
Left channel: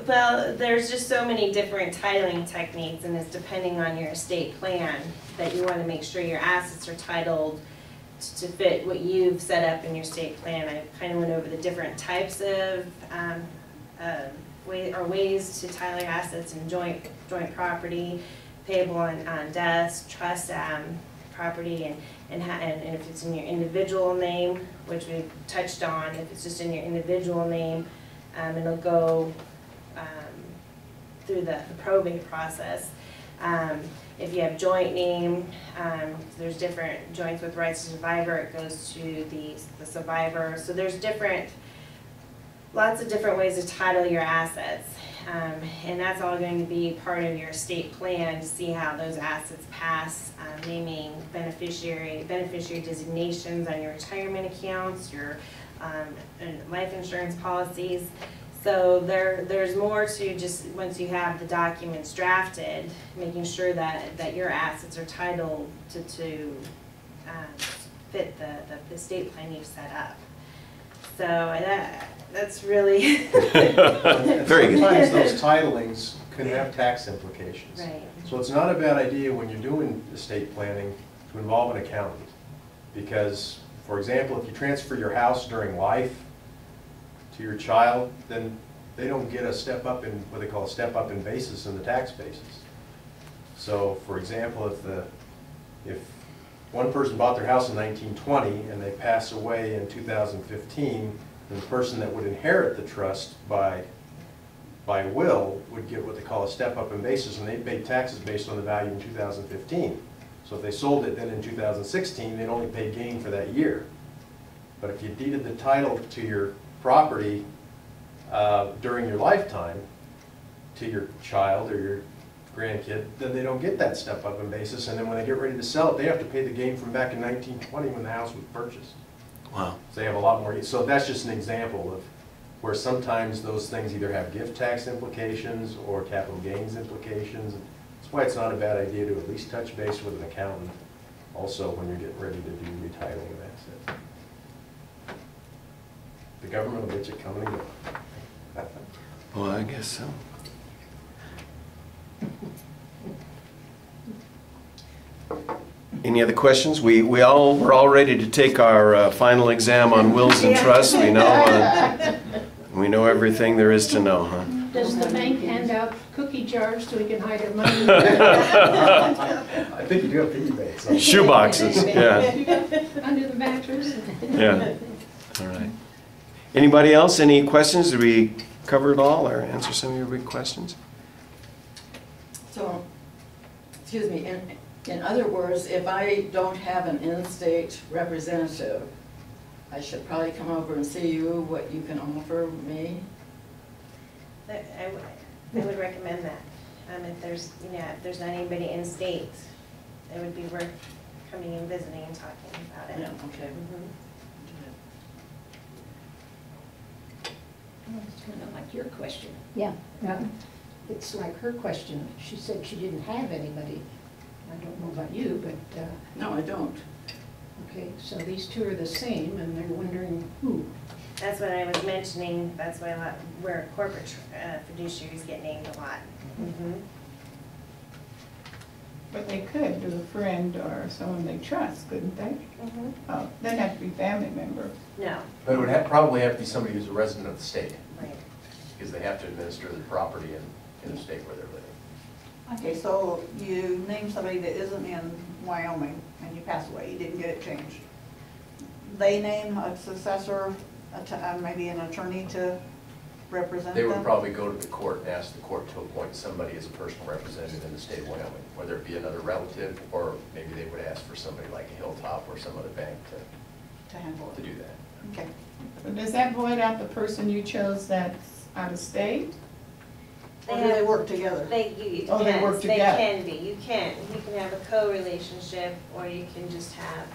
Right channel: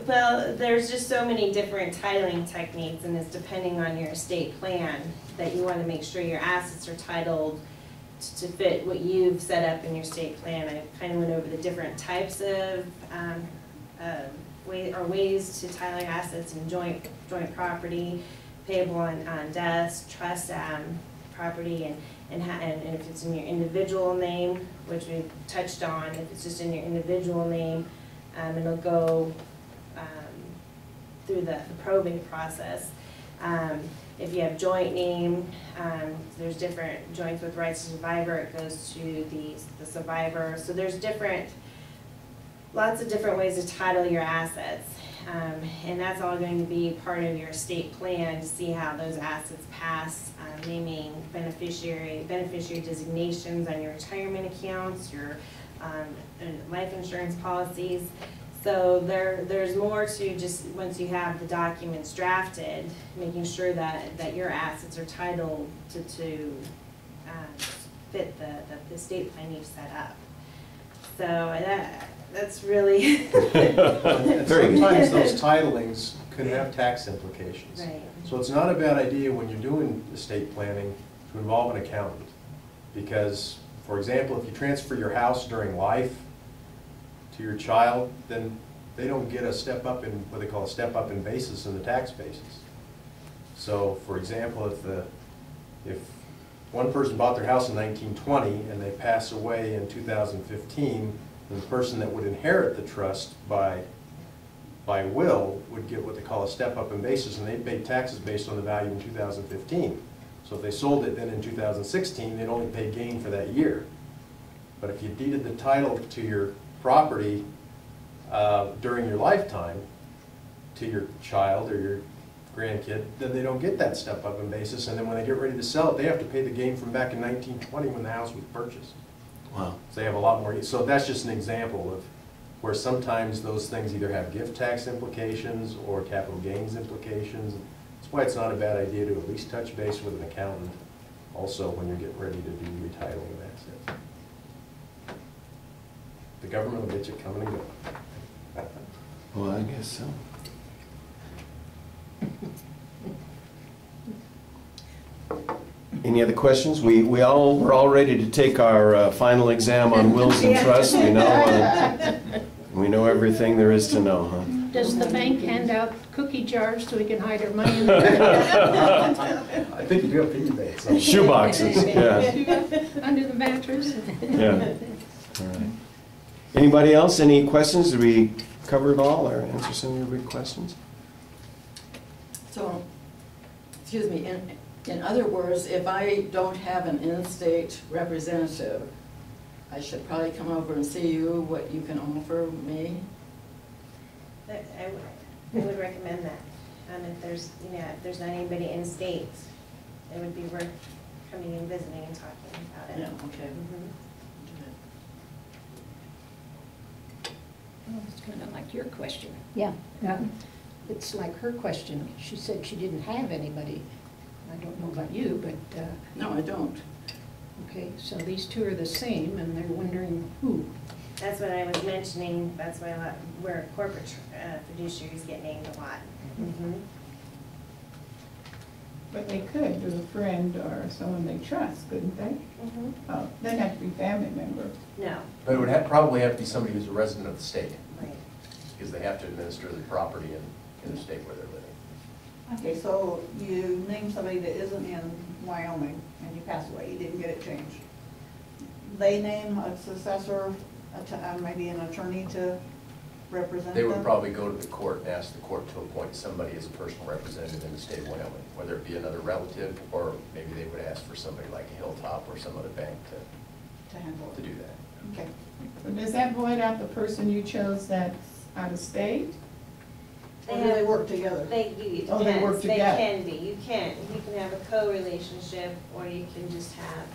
Well, there's just so many different titling techniques, and it's depending on your estate plan that you want to make sure your assets are titled to fit what you've set up in your estate plan. I kind of went over the different types of ways to title your assets in joint property, payable on deaths, trust property, and if it's in your individual name, which we've touched on. If it's just in your individual name, it'll go through the probate process. If you have joint name, there's different joints with rights to survivor. It goes to the survivor. So there's lots of different ways to title your assets, and that's all going to be part of your estate plan to see how those assets pass, naming beneficiary designations on your retirement accounts, your life insurance policies. So there's more to just, once you have the documents drafted, making sure that your assets are titled to fit the estate plan you've set up. So that's really Very good. Sometimes those titlings can have tax implications. right. So it's not a bad idea when you're doing estate planning to involve an accountant. Because, for example, if you transfer your house during life to your child, then they don't get a step up in, what they call a step up in basis in the tax basis. So, for example, if one person bought their house in 1920 and they pass away in 2015, then the person that would inherit the trust by will would get what they call a step up in basis, and they pay taxes based on the value in 2015. So if they sold it then in 2016, they'd only pay gain for that year. But if you deeded the title to your property during your lifetime to your child or your grandkid, then they don't get that step up in basis, and then when they get ready to sell it, they have to pay the gain from back in 1920 when the house was purchased. Wow. So they have a lot more. So that's just an example of where sometimes those things either have gift tax implications or capital gains implications. That's why it's not a bad idea to at least touch base with an accountant also when you're getting ready to do retitling of assets. The government will get you coming and going. Well, I guess so. Any other questions? We're all ready to take our final exam on wills and trusts. We know everything there is to know, huh? Does the bank hand out cookie jars so we can hide our money? I think you do have piggy banks. Shoe boxes, yeah. Under the mattress? Yeah. All right. Anybody else? Any questions? Did we cover it all or answer some of your big questions? So, excuse me, in other words, if I don't have an in-state representative, I should probably come over and see you, what you can offer me? I would recommend that. If there's not anybody in state, it would be worth coming and visiting and talking about it. Yeah, okay. Mhm. Well, it's kind of like your question. Yeah. It's like her question. She said she didn't have anybody. I don't know about you, but, No, I don't. okay, so these two are the same, and they're wondering who. That's what I was mentioning. That's why where corporate fiduciaries get named a lot. Mhm. But they could do a friend or someone they trust, couldn't they? Mhm. Oh, they'd have to be family member. No, But it would probably have to be somebody who's a resident of the state, right. because they have to administer the property in the state where they're living. Okay, so you name somebody that isn't in Wyoming and you pass away, you didn't get it changed. They name a successor, maybe an attorney to represent them? They would probably go to the court and ask the court to appoint somebody as a personal representative in the state of Wyoming, whether it be another relative, or maybe they would ask for somebody like a Hilltop or some other bank To handle to it. do that. Okay. But does that void out the person you chose that's out of state? Or do they work together? It Oh, they work depends. They together. can be. You can have a co-relationship, or you can just have,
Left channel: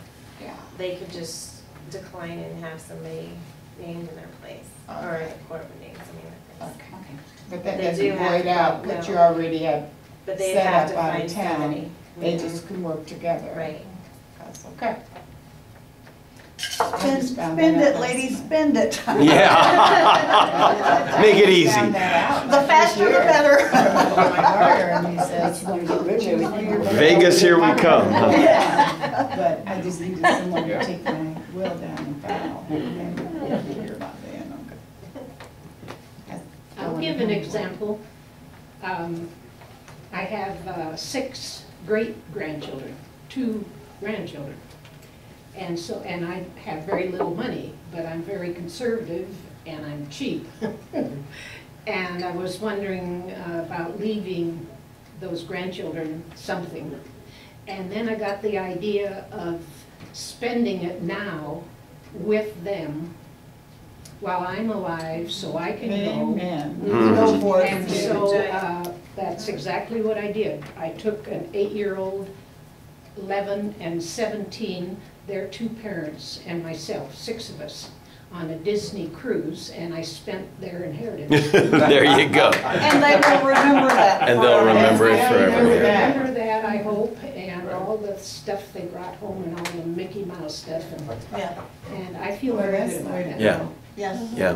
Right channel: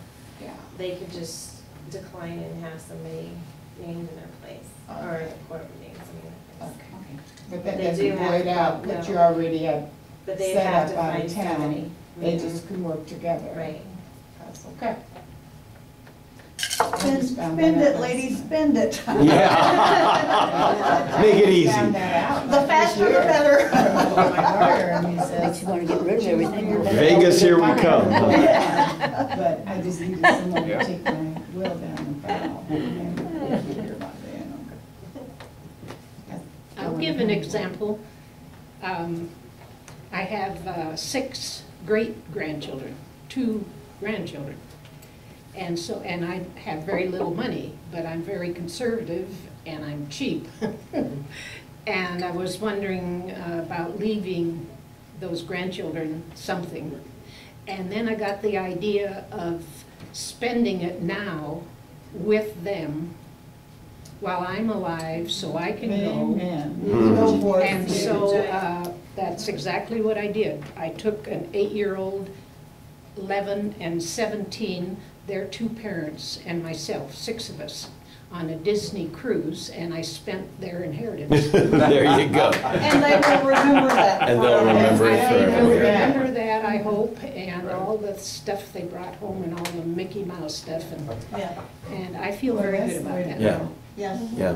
Yeah. they could just decline and have somebody named in their place, or Okay. the court would name somebody in their place. Okay. But that They doesn't do have void out to- what no. you already have But they set have up to out find of town. somebody. They Mhm. just can work together. Right. That's okay. Spend it, ladies, spend it. Yeah. Make it easy. Found that out The like faster this the year. better. My lawyer, and he says, Vegas, here we come. But I just needed someone to take my will down and file, and then we'll figure about that, okay. I'll give an example. I have 6 great-grandchildren, 2 grandchildren. And I have very little money, but I'm very conservative and I'm cheap. And I was wondering about leaving those grandchildren something. And then I got the idea of spending it now with them while I'm alive, so I can go. Amen. Mhm. Go for it. And so that's exactly what I did. I took an 8-year-old, 11 and 17, their 2 parents and myself, 6 of us, on a Disney cruise, and I spent their inheritance. There you go. And they will remember that. And they'll forever. remember it I forever. remember that, I hope, and all the stuff they brought home and all the Mickey Mouse stuff, Yeah, and I feel Well, very that's good the about way to that. Yeah. go. yes. Yeah.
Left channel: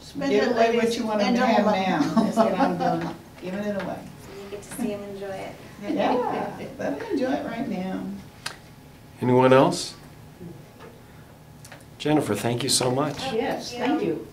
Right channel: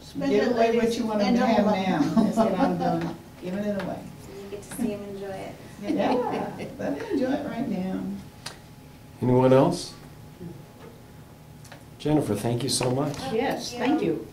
Spend Give it, away what ladies you want them and to have gentlemen. now, that's what I'm doing, giving it away. You get to see them enjoy it. Yeah, let them enjoy it right now. Anyone else? Jennifer, thank you so much. Yes, thank you.